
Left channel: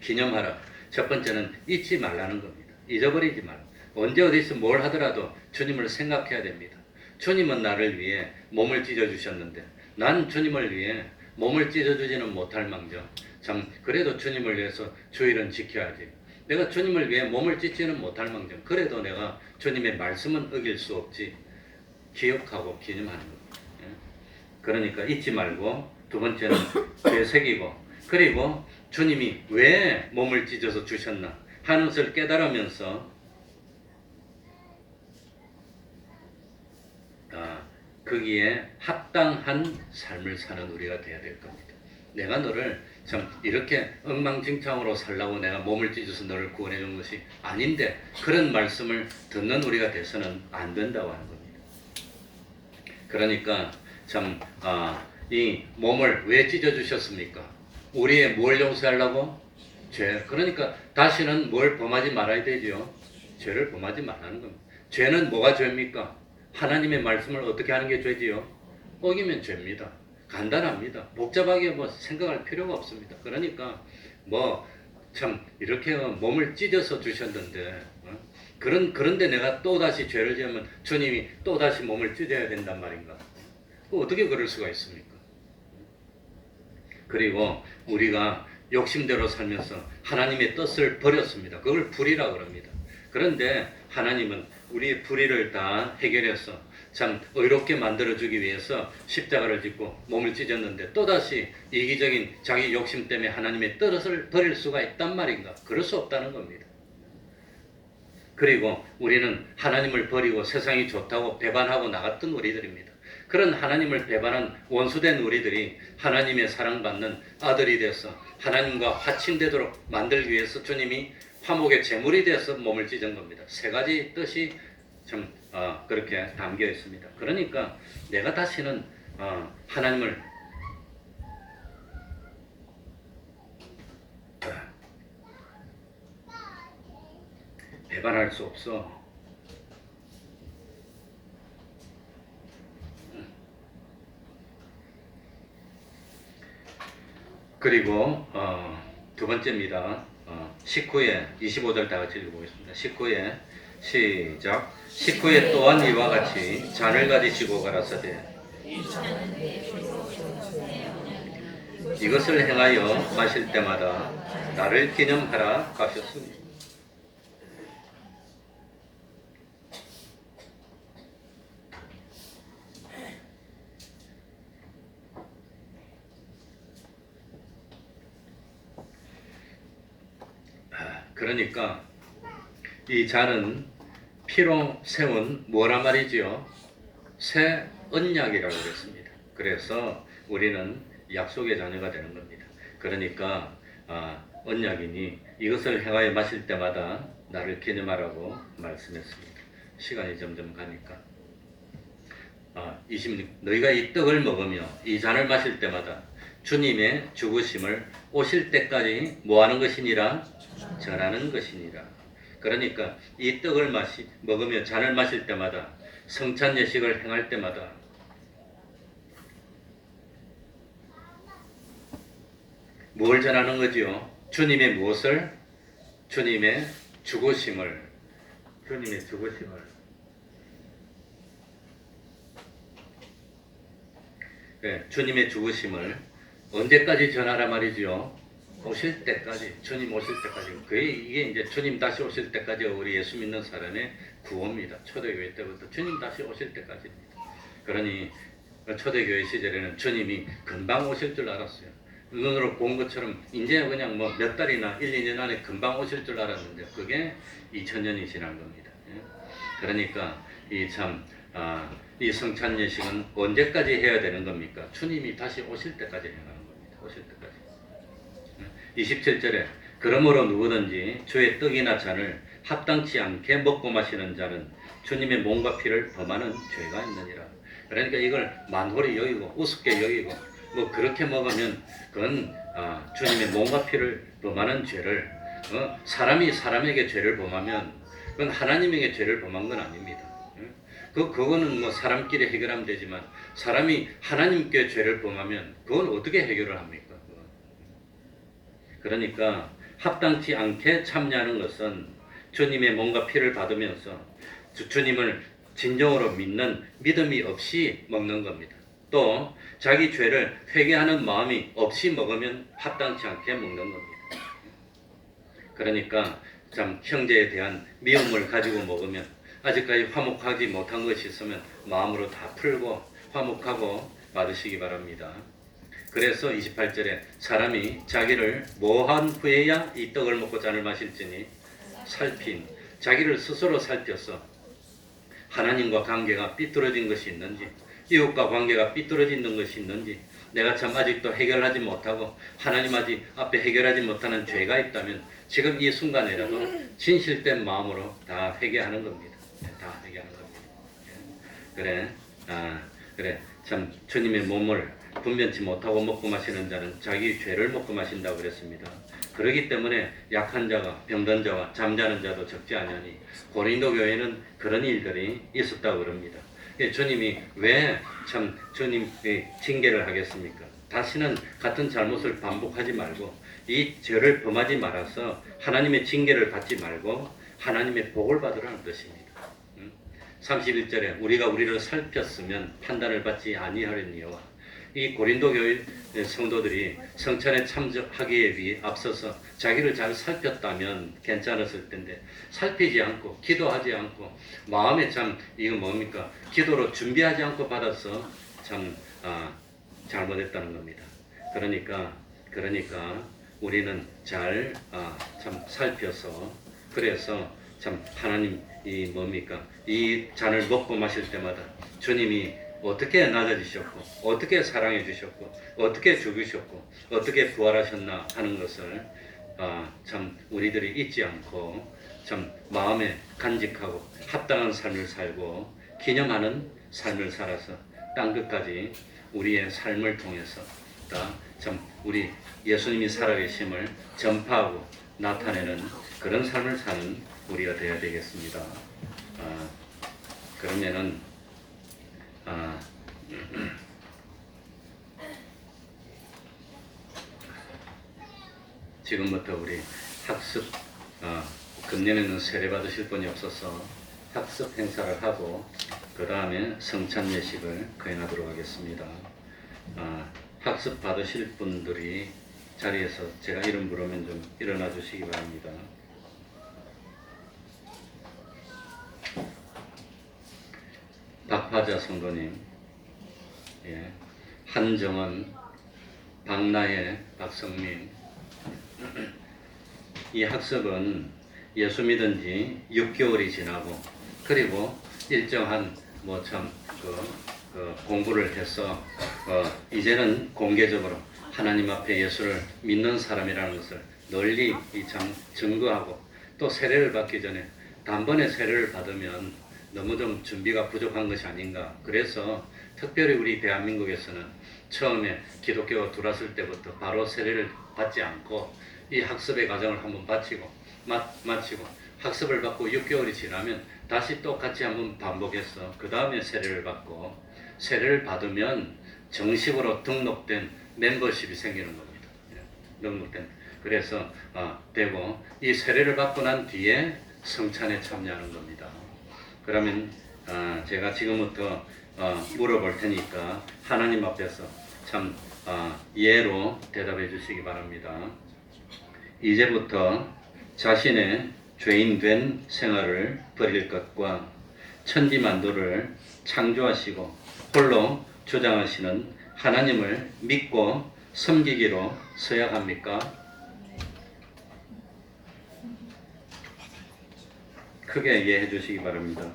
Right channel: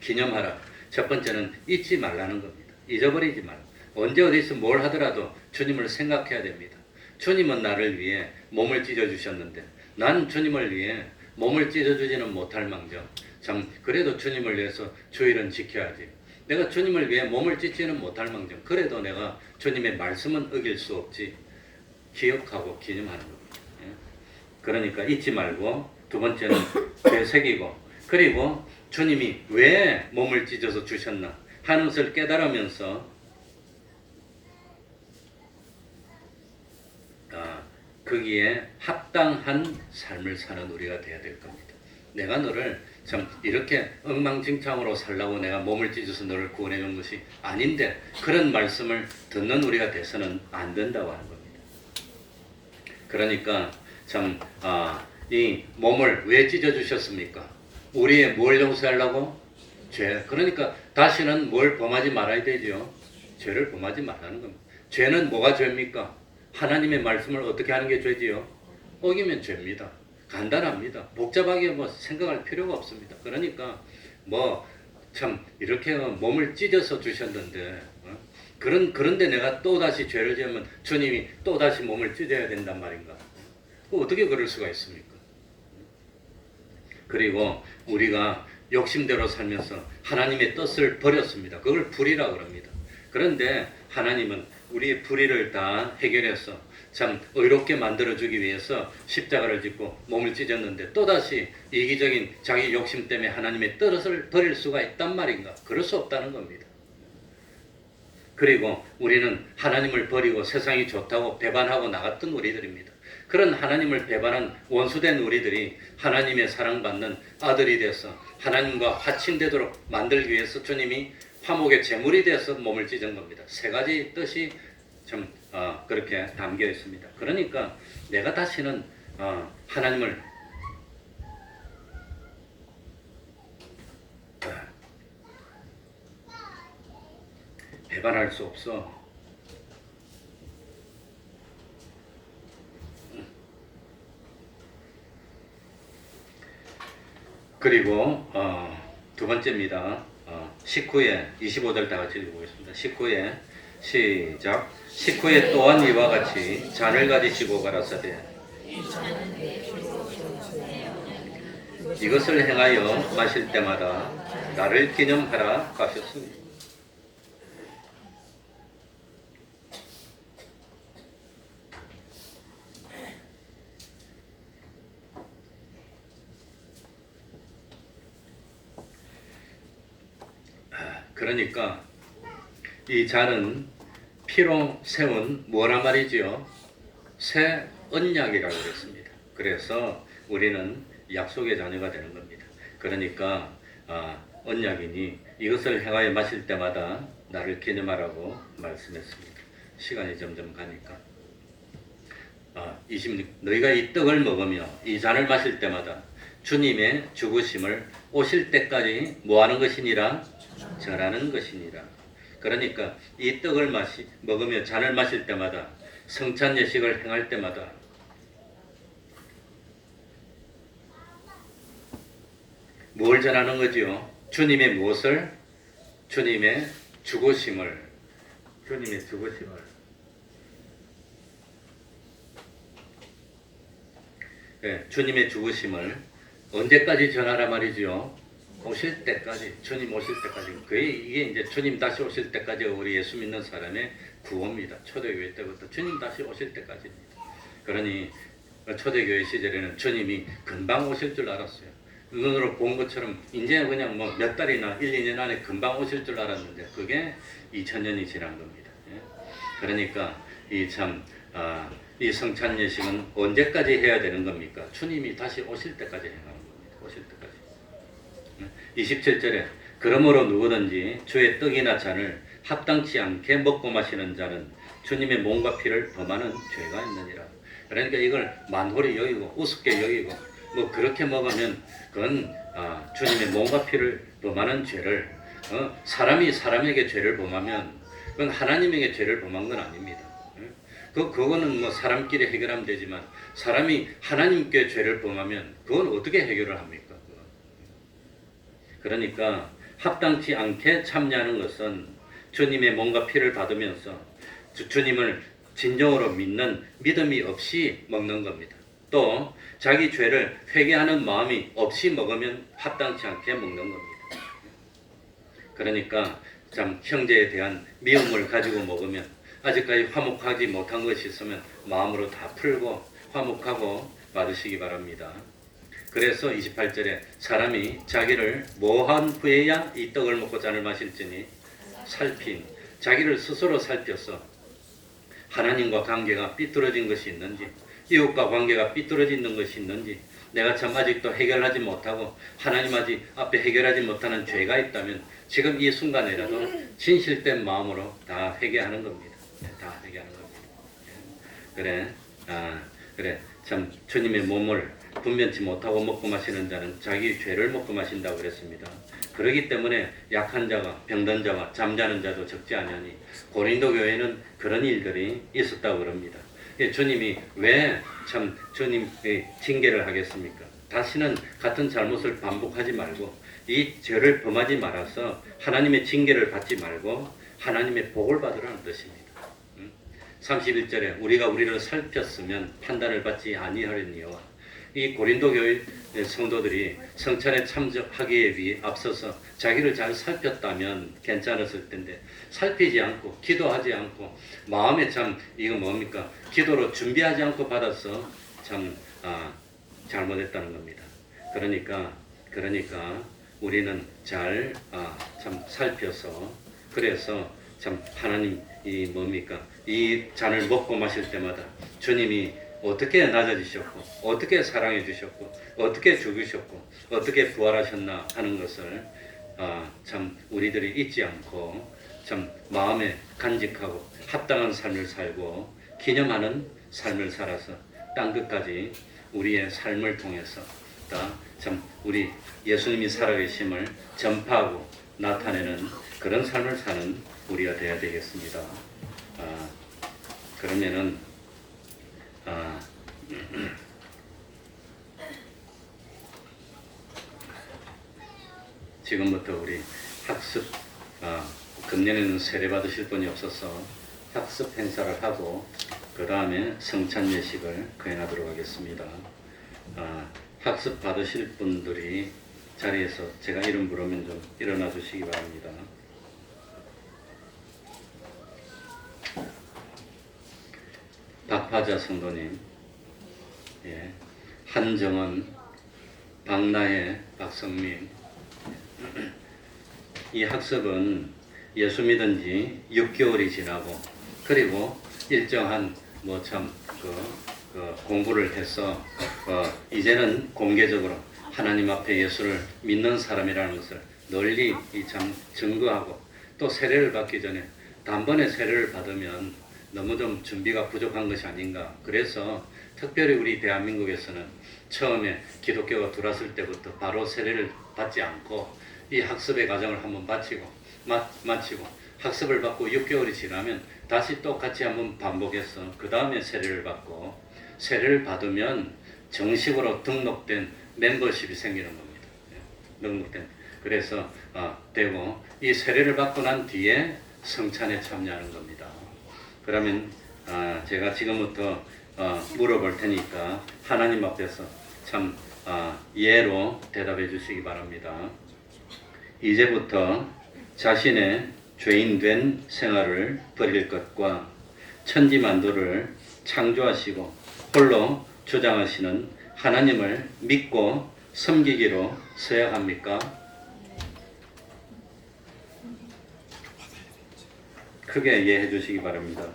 기념하라. 첫 번째는 잊지 말라는 겁니다. 잊어버리지 말고 언제 어디서 뭘 하더라도 주님을 생각해야 됩니다. 주님은 나를 위해 몸을 찢어주셨는데 나는 주님을 위해 몸을 찢어주지는 못할 망정 참 그래도 주님을 위해서 주일은 지켜야지. 내가 주님을 위해 몸을 찢지는 못할 망정 그래도 내가 주님의 말씀은 어길 수 없지. 기억하고 기념하는 겁니다. 그러니까 잊지 말고 두 번째는 되새기고 그리고 주님이 왜 몸을 찢어서 주셨나 하는 것을 깨달으면서 거기에 합당한 삶을 사는 우리가 되어야 될 겁니다. 내가 너를 참 이렇게 엉망진창으로 살라고 내가 몸을 찢어서 너를 구원해 준 것이 아닌데 그런 말씀을 듣는 우리가 돼서는 안 된다고 하는 겁니다. 그러니까 참 이 몸을 왜 찢어 주셨습니까? 우리의 뭘 용서하려고? 죄. 그러니까 다시는 뭘 범하지 말아야 되죠. 죄를 범하지 말라는 겁니다. 죄는 뭐가 죄입니까? 하나님의 말씀을 어떻게 하는 게 죄지요? 어기면 죄입니다. 간단합니다. 복잡하게 뭐 생각할 필요가 없습니다. 그러니까 뭐 참 이렇게 몸을 찢어서 주셨는데 그런데 내가 또 다시 죄를 지으면 주님이 또 다시 몸을 찢어야 된단 말인가? 어떻게 그럴 수가 있습니까? 그리고 우리가 욕심대로 살면서 하나님의 뜻을 버렸습니다. 그걸 불의라고 그럽니다. 그런데 하나님은 우리의 불의를 다 해결해서 참 의롭게 만들어주기 위해서 십자가를 짓고 몸을 찢었는데 또다시 이기적인 자기 욕심 때문에 하나님의 뜻을 버릴 수가 있단 말인가? 그럴 수 없다는 겁니다. 그리고 우리는 하나님을 버리고 세상이 좋다고 배반하고 나갔던 우리들입니다. 그런 하나님을 배반한 원수된 우리들이 하나님의 사랑받는 아들이 돼서 하나님과 화친되도록 만들기 위해서 주님이 화목의 제물이 돼서 몸을 찢은 겁니다. 세 가지 뜻이 좀 그렇게 담겨 있습니다. 그러니까 내가 다시는 하나님을 배반할 수 없어. 그리고 두 번째입니다. 19에 25절 다 같이 읽어보겠습니다. 19에 시작. 19에 또한 이와 같이 잔을 가지시고 가라사대 이것을 행하여 마실 때마다 나를 기념하라 하셨습니다. 그러니까 이 잔은 피로 세운 뭐란 말이지요? 새 언약이라고 했습니다. 그래서 우리는 약속의 자녀가 되는 겁니다. 그러니까 언약이니 이것을 행하여 마실 때마다 나를 기념하라고 말씀했습니다. 시간이 점점 가니까 26 너희가 이 떡을 먹으며 이 잔을 마실 때마다 주님의 죽으심을 오실 때까지 뭐하는 것이니라? 전하는 것이니라. 그러니까 이 떡을 먹으며 잔을 마실 때마다 성찬 예식을 행할 때마다 뭘 전하는 거지요? 주님의 무엇을? 주님의 죽으심을. 주님의 죽으심을. 네, 주님의 죽으심을 언제까지 전하라 말이지요? 오실 때까지, 주님 오실 때까지. 이게 이제 주님 다시 오실 때까지 우리 예수 믿는 사람의 구원입니다. 초대교회 때부터 주님 다시 오실 때까지입니다. 그러니 초대교회 시절에는 주님이 금방 오실 줄 알았어요. 눈으로 본 것처럼 이제 그냥 뭐 몇 달이나 1, 2년 안에 금방 오실 줄 알았는데 그게 2000년이 지난 겁니다. 그러니까 이 성찬 예식은 언제까지 해야 되는 겁니까? 주님이 다시 오실 때까지 행하는 겁니다. 오실 때까지. 27절에 그러므로 누구든지 주의 떡이나 잔을 합당치 않게 먹고 마시는 자는 주님의 몸과 피를 범하는 죄가 있느니라. 그러니까 이걸 만홀히 여기고 우습게 여기고 뭐 그렇게 먹으면 그건 주님의 몸과 피를 범하는 죄를 사람이 사람에게 죄를 범하면 그건 하나님에게 죄를 범한 건 아닙니다. 그거는 뭐 사람끼리 해결하면 되지만 사람이 하나님께 죄를 범하면 그건 어떻게 해결을 합니까? 그러니까 합당치 않게 참여하는 것은 주님의 몸과 피를 받으면서 주님을 진정으로 믿는 믿음이 없이 먹는 겁니다. 또 자기 죄를 회개하는 마음이 없이 먹으면 합당치 않게 먹는 겁니다. 그러니까 참 형제에 대한 미움을 가지고 먹으면 아직까지 화목하지 못한 것이 있으면 마음으로 다 풀고 화목하고 받으시기 바랍니다. 그래서 28절에 사람이 자기를 뭐한 후에야 이 떡을 먹고 잔을 마실지니 살핀 자기를 스스로 살펴서 하나님과 관계가 삐뚤어진 것이 있는지 이웃과 관계가 삐뚤어진 것이 있는지 내가 참 아직도 해결하지 못하고 하나님 아직 앞에 해결하지 못하는 죄가 있다면 지금 이 순간이라도 진실된 마음으로 다 회개하는 겁니다. 다 회개하는 겁니다. 그래, 그래. 참 주님의 몸을 분변치 못하고 먹고 마시는 자는 자기 죄를 먹고 마신다고 그랬습니다. 그렇기 때문에 약한 자가 병든 자와 잠자는 자도 적지 않으니 고린도 교회는 그런 일들이 있었다고 그럽니다. 주님이 왜 참 주님의 징계를 하겠습니까? 다시는 같은 잘못을 반복하지 말고 이 죄를 범하지 말아서 하나님의 징계를 받지 말고 하나님의 복을 받으라는 뜻입니다. 31절에 우리가 우리를 살폈으면 판단을 받지 아니하려니와 이 고린도 교회 성도들이 성찬에 참석하기에 앞서서 자기를 잘 살폈다면 괜찮았을 텐데 살피지 않고 기도하지 않고 마음에 참 이거 뭡니까? 기도로 준비하지 않고 받아서 참 잘못했다는 겁니다. 그러니까 우리는 잘 참 살펴서 그래서 참 하나님 이 뭡니까? 이 잔을 먹고 마실 때마다 주님이 어떻게 낮아지셨고 어떻게 사랑해 주셨고 어떻게 죽으셨고 어떻게 부활하셨나 하는 것을 참 우리들이 잊지 않고 참 마음에 간직하고 합당한 삶을 살고 기념하는 삶을 살아서 땅 끝까지 우리의 삶을 통해서 참 우리 예수님이 살아계심을 전파하고 나타내는 그런 삶을 사는 우리가 되어야 되겠습니다. 그러면은 지금부터 우리 학습 금년에는 세례 받으실 분이 없어서 학습 행사를 하고 그 다음에 성찬 예식을 거행하도록 하겠습니다. 학습 받으실 분들이 자리에서 제가 이름 부르면 좀 일어나 주시기 바랍니다. 박화자 성도님, 예, 한정원, 박나혜, 박성민. 이 학습은 예수 믿은 지 6개월이 지나고 그리고 일정한 공부를 해서 이제는 공개적으로 하나님 앞에 예수를 믿는 사람이라는 것을 널리 증거하고 또 세례를 받기 전에 단번에 세례를 받으면 너무 좀 준비가 부족한 것이 아닌가. 그래서 특별히 우리 대한민국에서는 처음에 기독교가 들어왔을 때부터 바로 세례를 받지 않고 이 학습의 과정을 한번 마치고 학습을 받고 6개월이 지나면 다시 똑같이 한번 반복해서 그 다음에 세례를 받고 세례를 받으면 정식으로 등록된 멤버십이 생기는 겁니다. 등록된. 그래서 되고 이 세례를 받고 난 뒤에 성찬에 참여하는 겁니다. 그러면 제가 지금부터 물어볼 테니까 하나님 앞에서 참 예로 대답해 주시기 바랍니다. 이제부터 자신의 죄인된 생활을 버릴 것과 천지만물을 창조하시고 홀로 주장하시는 하나님을 믿고 섬기기로 서약합니까? 크게 이해해 주시기 바랍니다.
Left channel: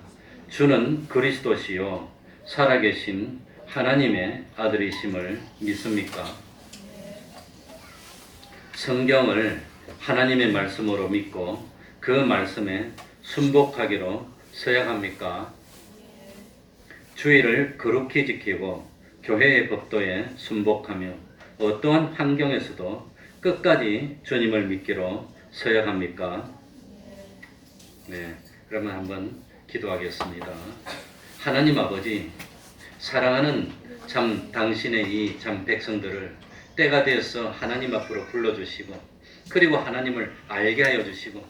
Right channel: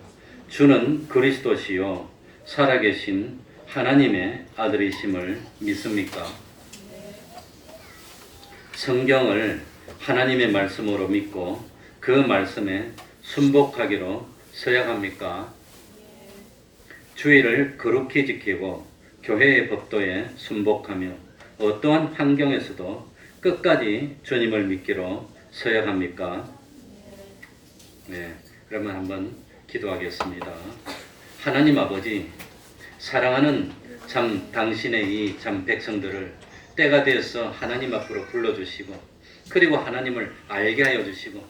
주는 그리스도시요 살아계신 하나님의 아들이심을 믿습니까? 성경을 하나님의 말씀으로 믿고 그 말씀에 순복하기로 서약합니까? 주의를 거룩히 지키고 교회의 법도에 순복하며 어떠한 환경에서도 끝까지 주님을 믿기로 서약합니까? 네, 그러면 한번 기도하겠습니다. 하나님 아버지, 사랑하는 참 당신의 이 참 백성들을 때가 되어서 하나님 앞으로 불러주시고 그리고 하나님을 알게 하여 주시고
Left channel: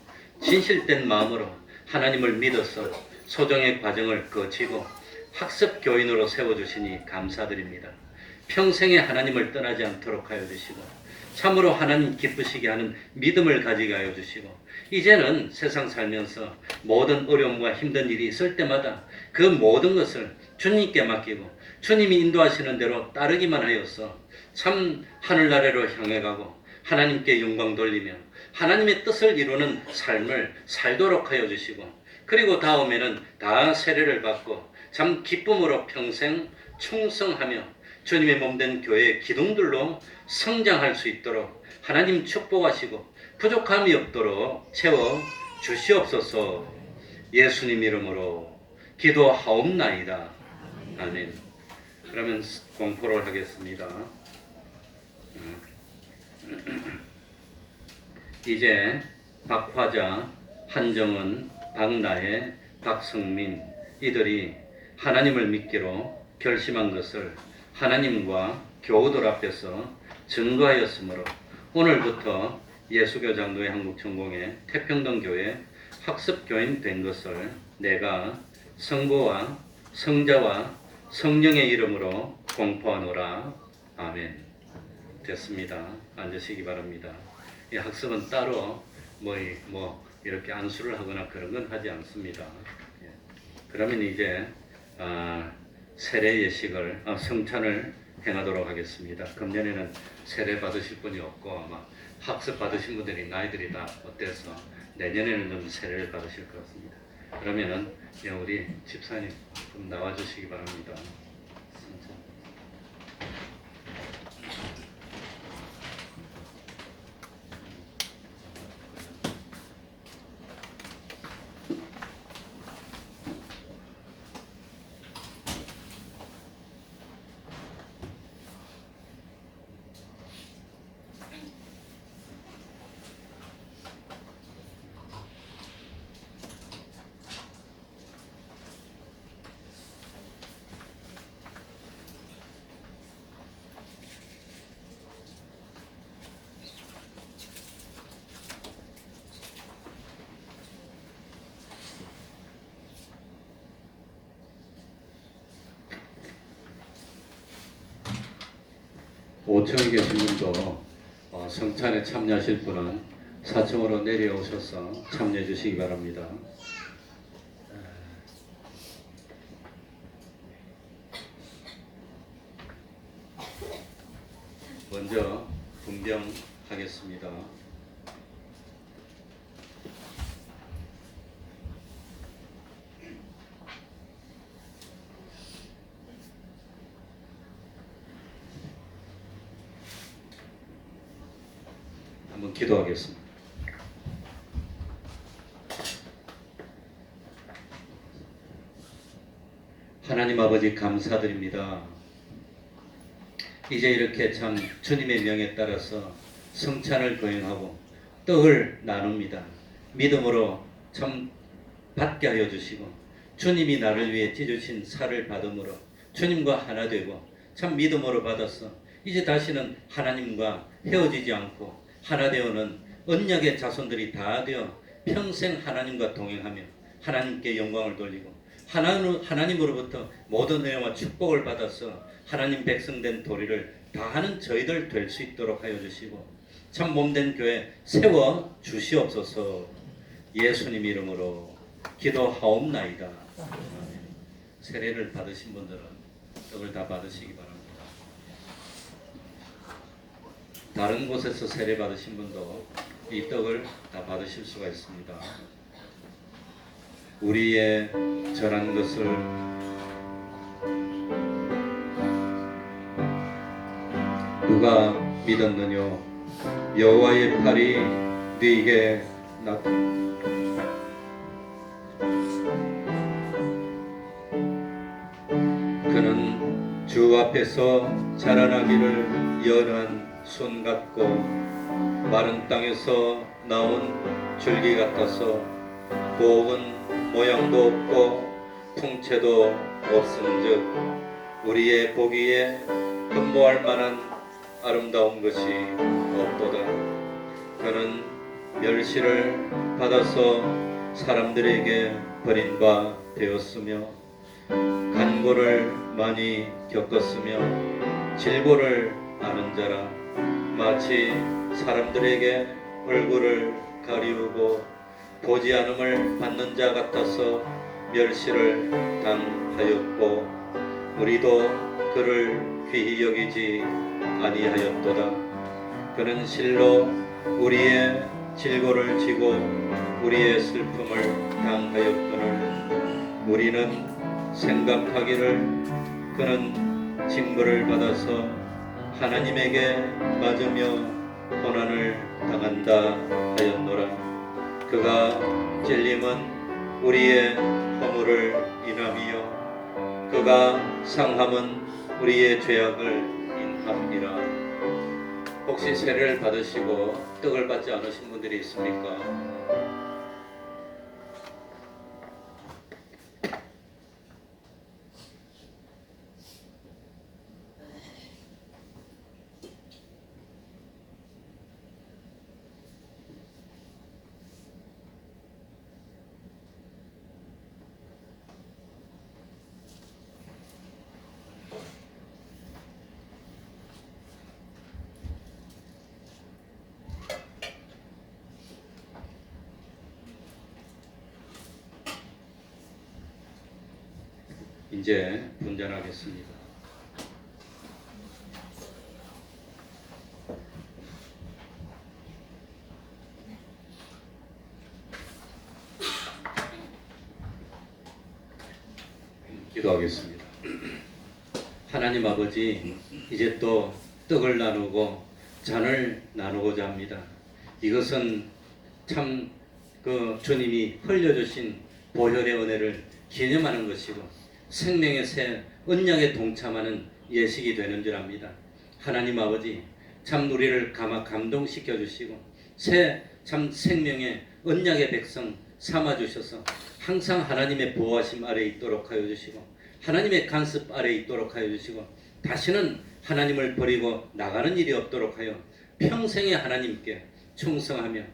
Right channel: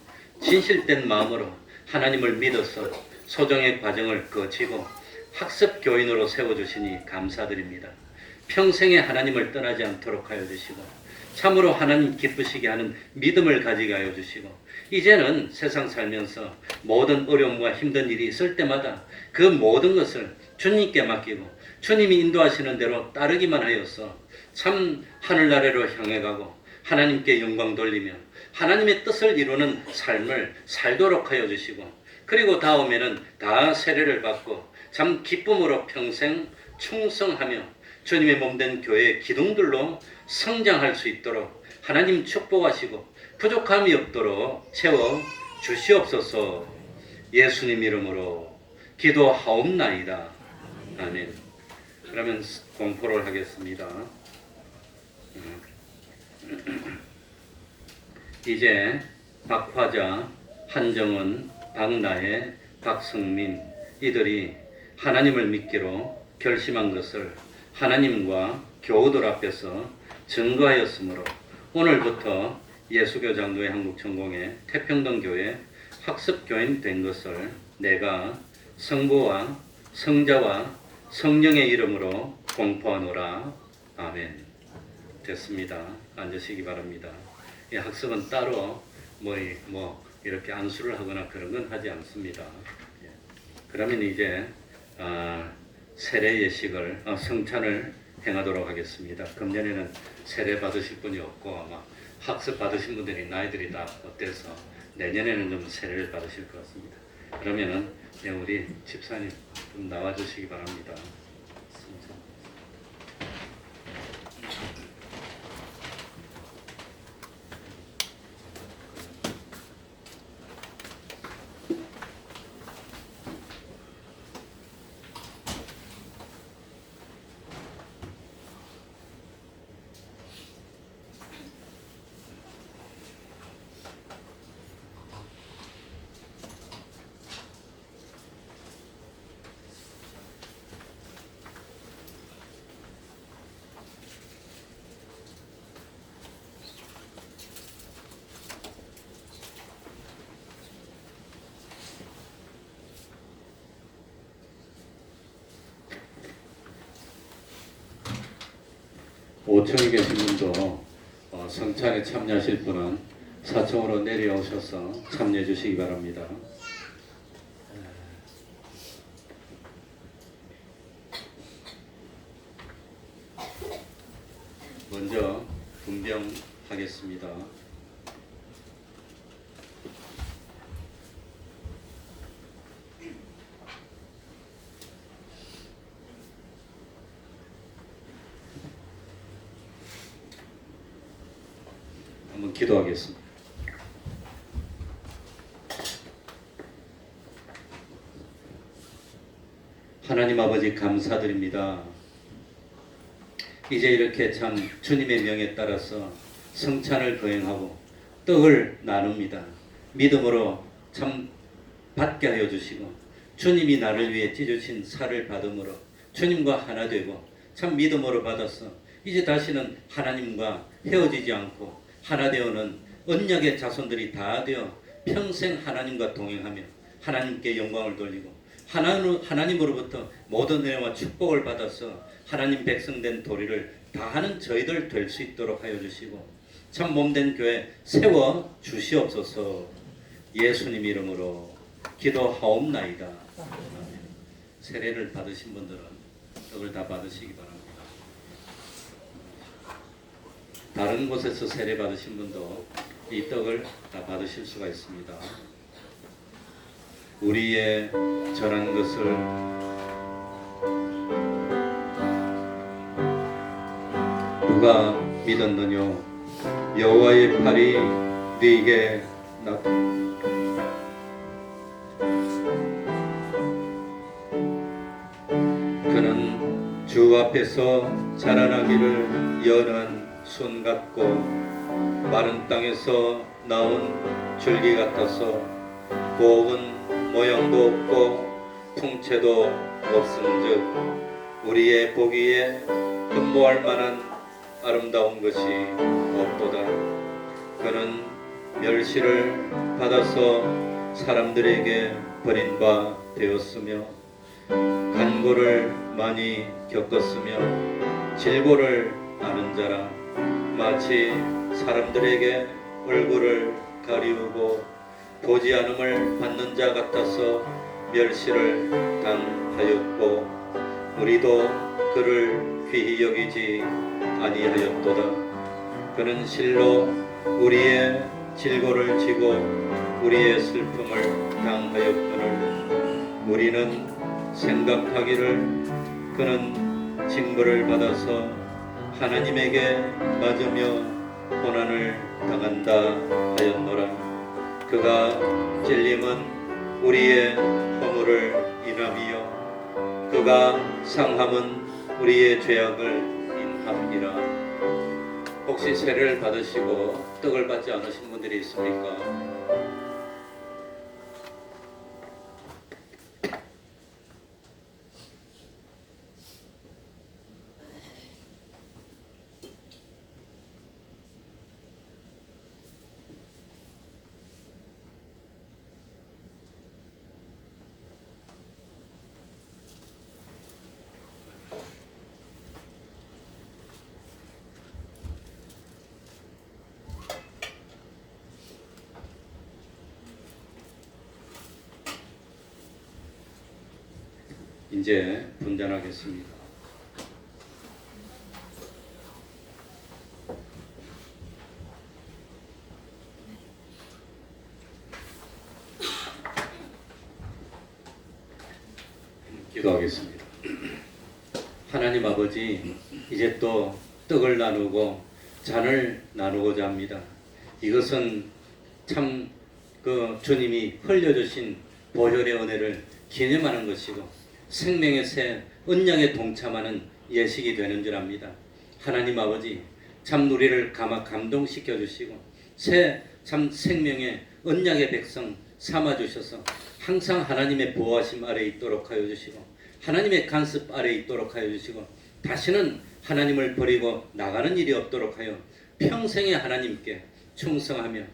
진실된 마음으로 하나님을 믿어서 소정의 과정을 거치고 학습 교인으로 세워주시니 감사드립니다. 평생에 하나님을 떠나지 않도록 하여 주시고 참으로 하나님 기쁘시게 하는 믿음을 가지게 하여 주시고 이제는 세상 살면서 모든 어려움과 힘든 일이 있을 때마다 그 모든 것을 주님께 맡기고 주님이 인도하시는 대로 따르기만 하여서 참 하늘나라로 향해 가고 하나님께 영광 돌리며 하나님의 뜻을 이루는 삶을 살도록 하여 주시고 그리고 다음에는 다 세례를 받고 참 기쁨으로 평생 충성하며 주님의 몸된 교회 기둥들로 성장할 수 있도록 하나님 축복하시고 부족함이 없도록 채워 주시옵소서. 예수님 이름으로 기도하옵나이다. 아멘. 그러면 공포를 하겠습니다. 이제 박화자, 한정은, 박나혜, 박성민 이들이 하나님을 믿기로 결심한 것을 하나님과 교우들 앞에서 증거하였으므로 오늘부터 예수교 장로회 한국전공회 태평동교회 학습교인 된 것을 내가 성부와 성자와 성령의 이름으로 공포하노라. 아멘. 됐습니다. 앉으시기 바랍니다. 이 학습은 따로 뭐 이렇게 안수를 하거나 그런 건 하지 않습니다. 그러면 이제 세례 예식을 성찬을 행하도록 하겠습니다. 금년에는 세례 받으실 분이 없고 아마 학습 받으신 분들이 나이들이 다 어때서 내년에는 좀 세례를 받으실 것 같습니다. 그러면은 우리 집사님 좀 나와주시기 바랍니다. 성찬. 5층에 계신 분도 성찬에 참여하실 분은 4층으로 내려오셔서 참여해 주시기 바랍니다. 먼저 분병하겠습니다. 한번 기도하겠습니다. 하나님 아버지 감사드립니다. 이제 이렇게 참 주님의 명에 따라서 성찬을 거행하고 떡을 나눕니다. 믿음으로 참 받게 하여 주시고 주님이 나를 위해 찢으신 살을 받음으로 주님과 하나 되고 참 믿음으로 받아서 이제 다시는 하나님과 헤어지지 않고 하나 되어는 언약의 자손들이 다 되어 평생 하나님과 동행하며 하나님께 영광을 돌리고 하나님으로부터 모든 은혜와 축복을 받아서 하나님 백성된 도리를 다하는 저희들 될 수 있도록 하여 주시고 참 몸된 교회 세워 주시옵소서. 예수님 이름으로 기도하옵나이다. 세례를 받으신 분들은 떡을 다 받으시기 바랍니다. 다른 곳에서 세례 받으신 분도 이 떡을 다 받으실 수가 있습니다. 우리의 전한 것을 누가 믿었느뇨? 여호와의 팔이 네게 그는 주 앞에서 자라나기를 연한 손 같고 마른 땅에서 나온 줄기 같아서 고운 모양도 없고 풍채도 없은즉 우리의 보기에 흠모할 만한 아름다운 것이 없도다. 그는 멸시를 받아서 사람들에게 버린 바 되었으며 간고를 많이 겪었으며 질고를 아는 자라 마치 사람들에게 얼굴을 가리우고 보지 않음을 받는 자 같아서 멸시를 당하였고 우리도 그를 귀히 여기지 아니하였도다. 그는 실로 우리의 질고를 지고 우리의 슬픔을 당하였거늘 우리는 생각하기를 그는 징벌을 받아서 하나님에게 맞으며 고난을 당한다 하였노라. 그가 찔림은 우리의 허물을 인함이요 그가 상함은 우리의 죄악을 인함이라. 혹시 세례를 받으시고 떡을 받지 않으신 분들이 있습니까? 이제 분전하겠습니다. 기도하겠습니다. 하나님 아버지, 이제 또 떡을 나누고 잔을 나누고자 합니다. 이것은 참 주님이 흘려주신 보혈의 은혜를 기념하는 것이고 생명의 새 언약에 동참하는 예식이 되는 줄 압니다. 하나님 아버지, 참 우리를 감동시켜 주시고 새 참 생명의 언약의 백성 삼아 주셔서 항상 하나님의 보호하심 아래 있도록 하여 주시고 하나님의 간섭 아래 있도록 하여 주시고 다시는 하나님을 버리고 나가는 일이 없도록 하여 평생에 하나님께 충성하며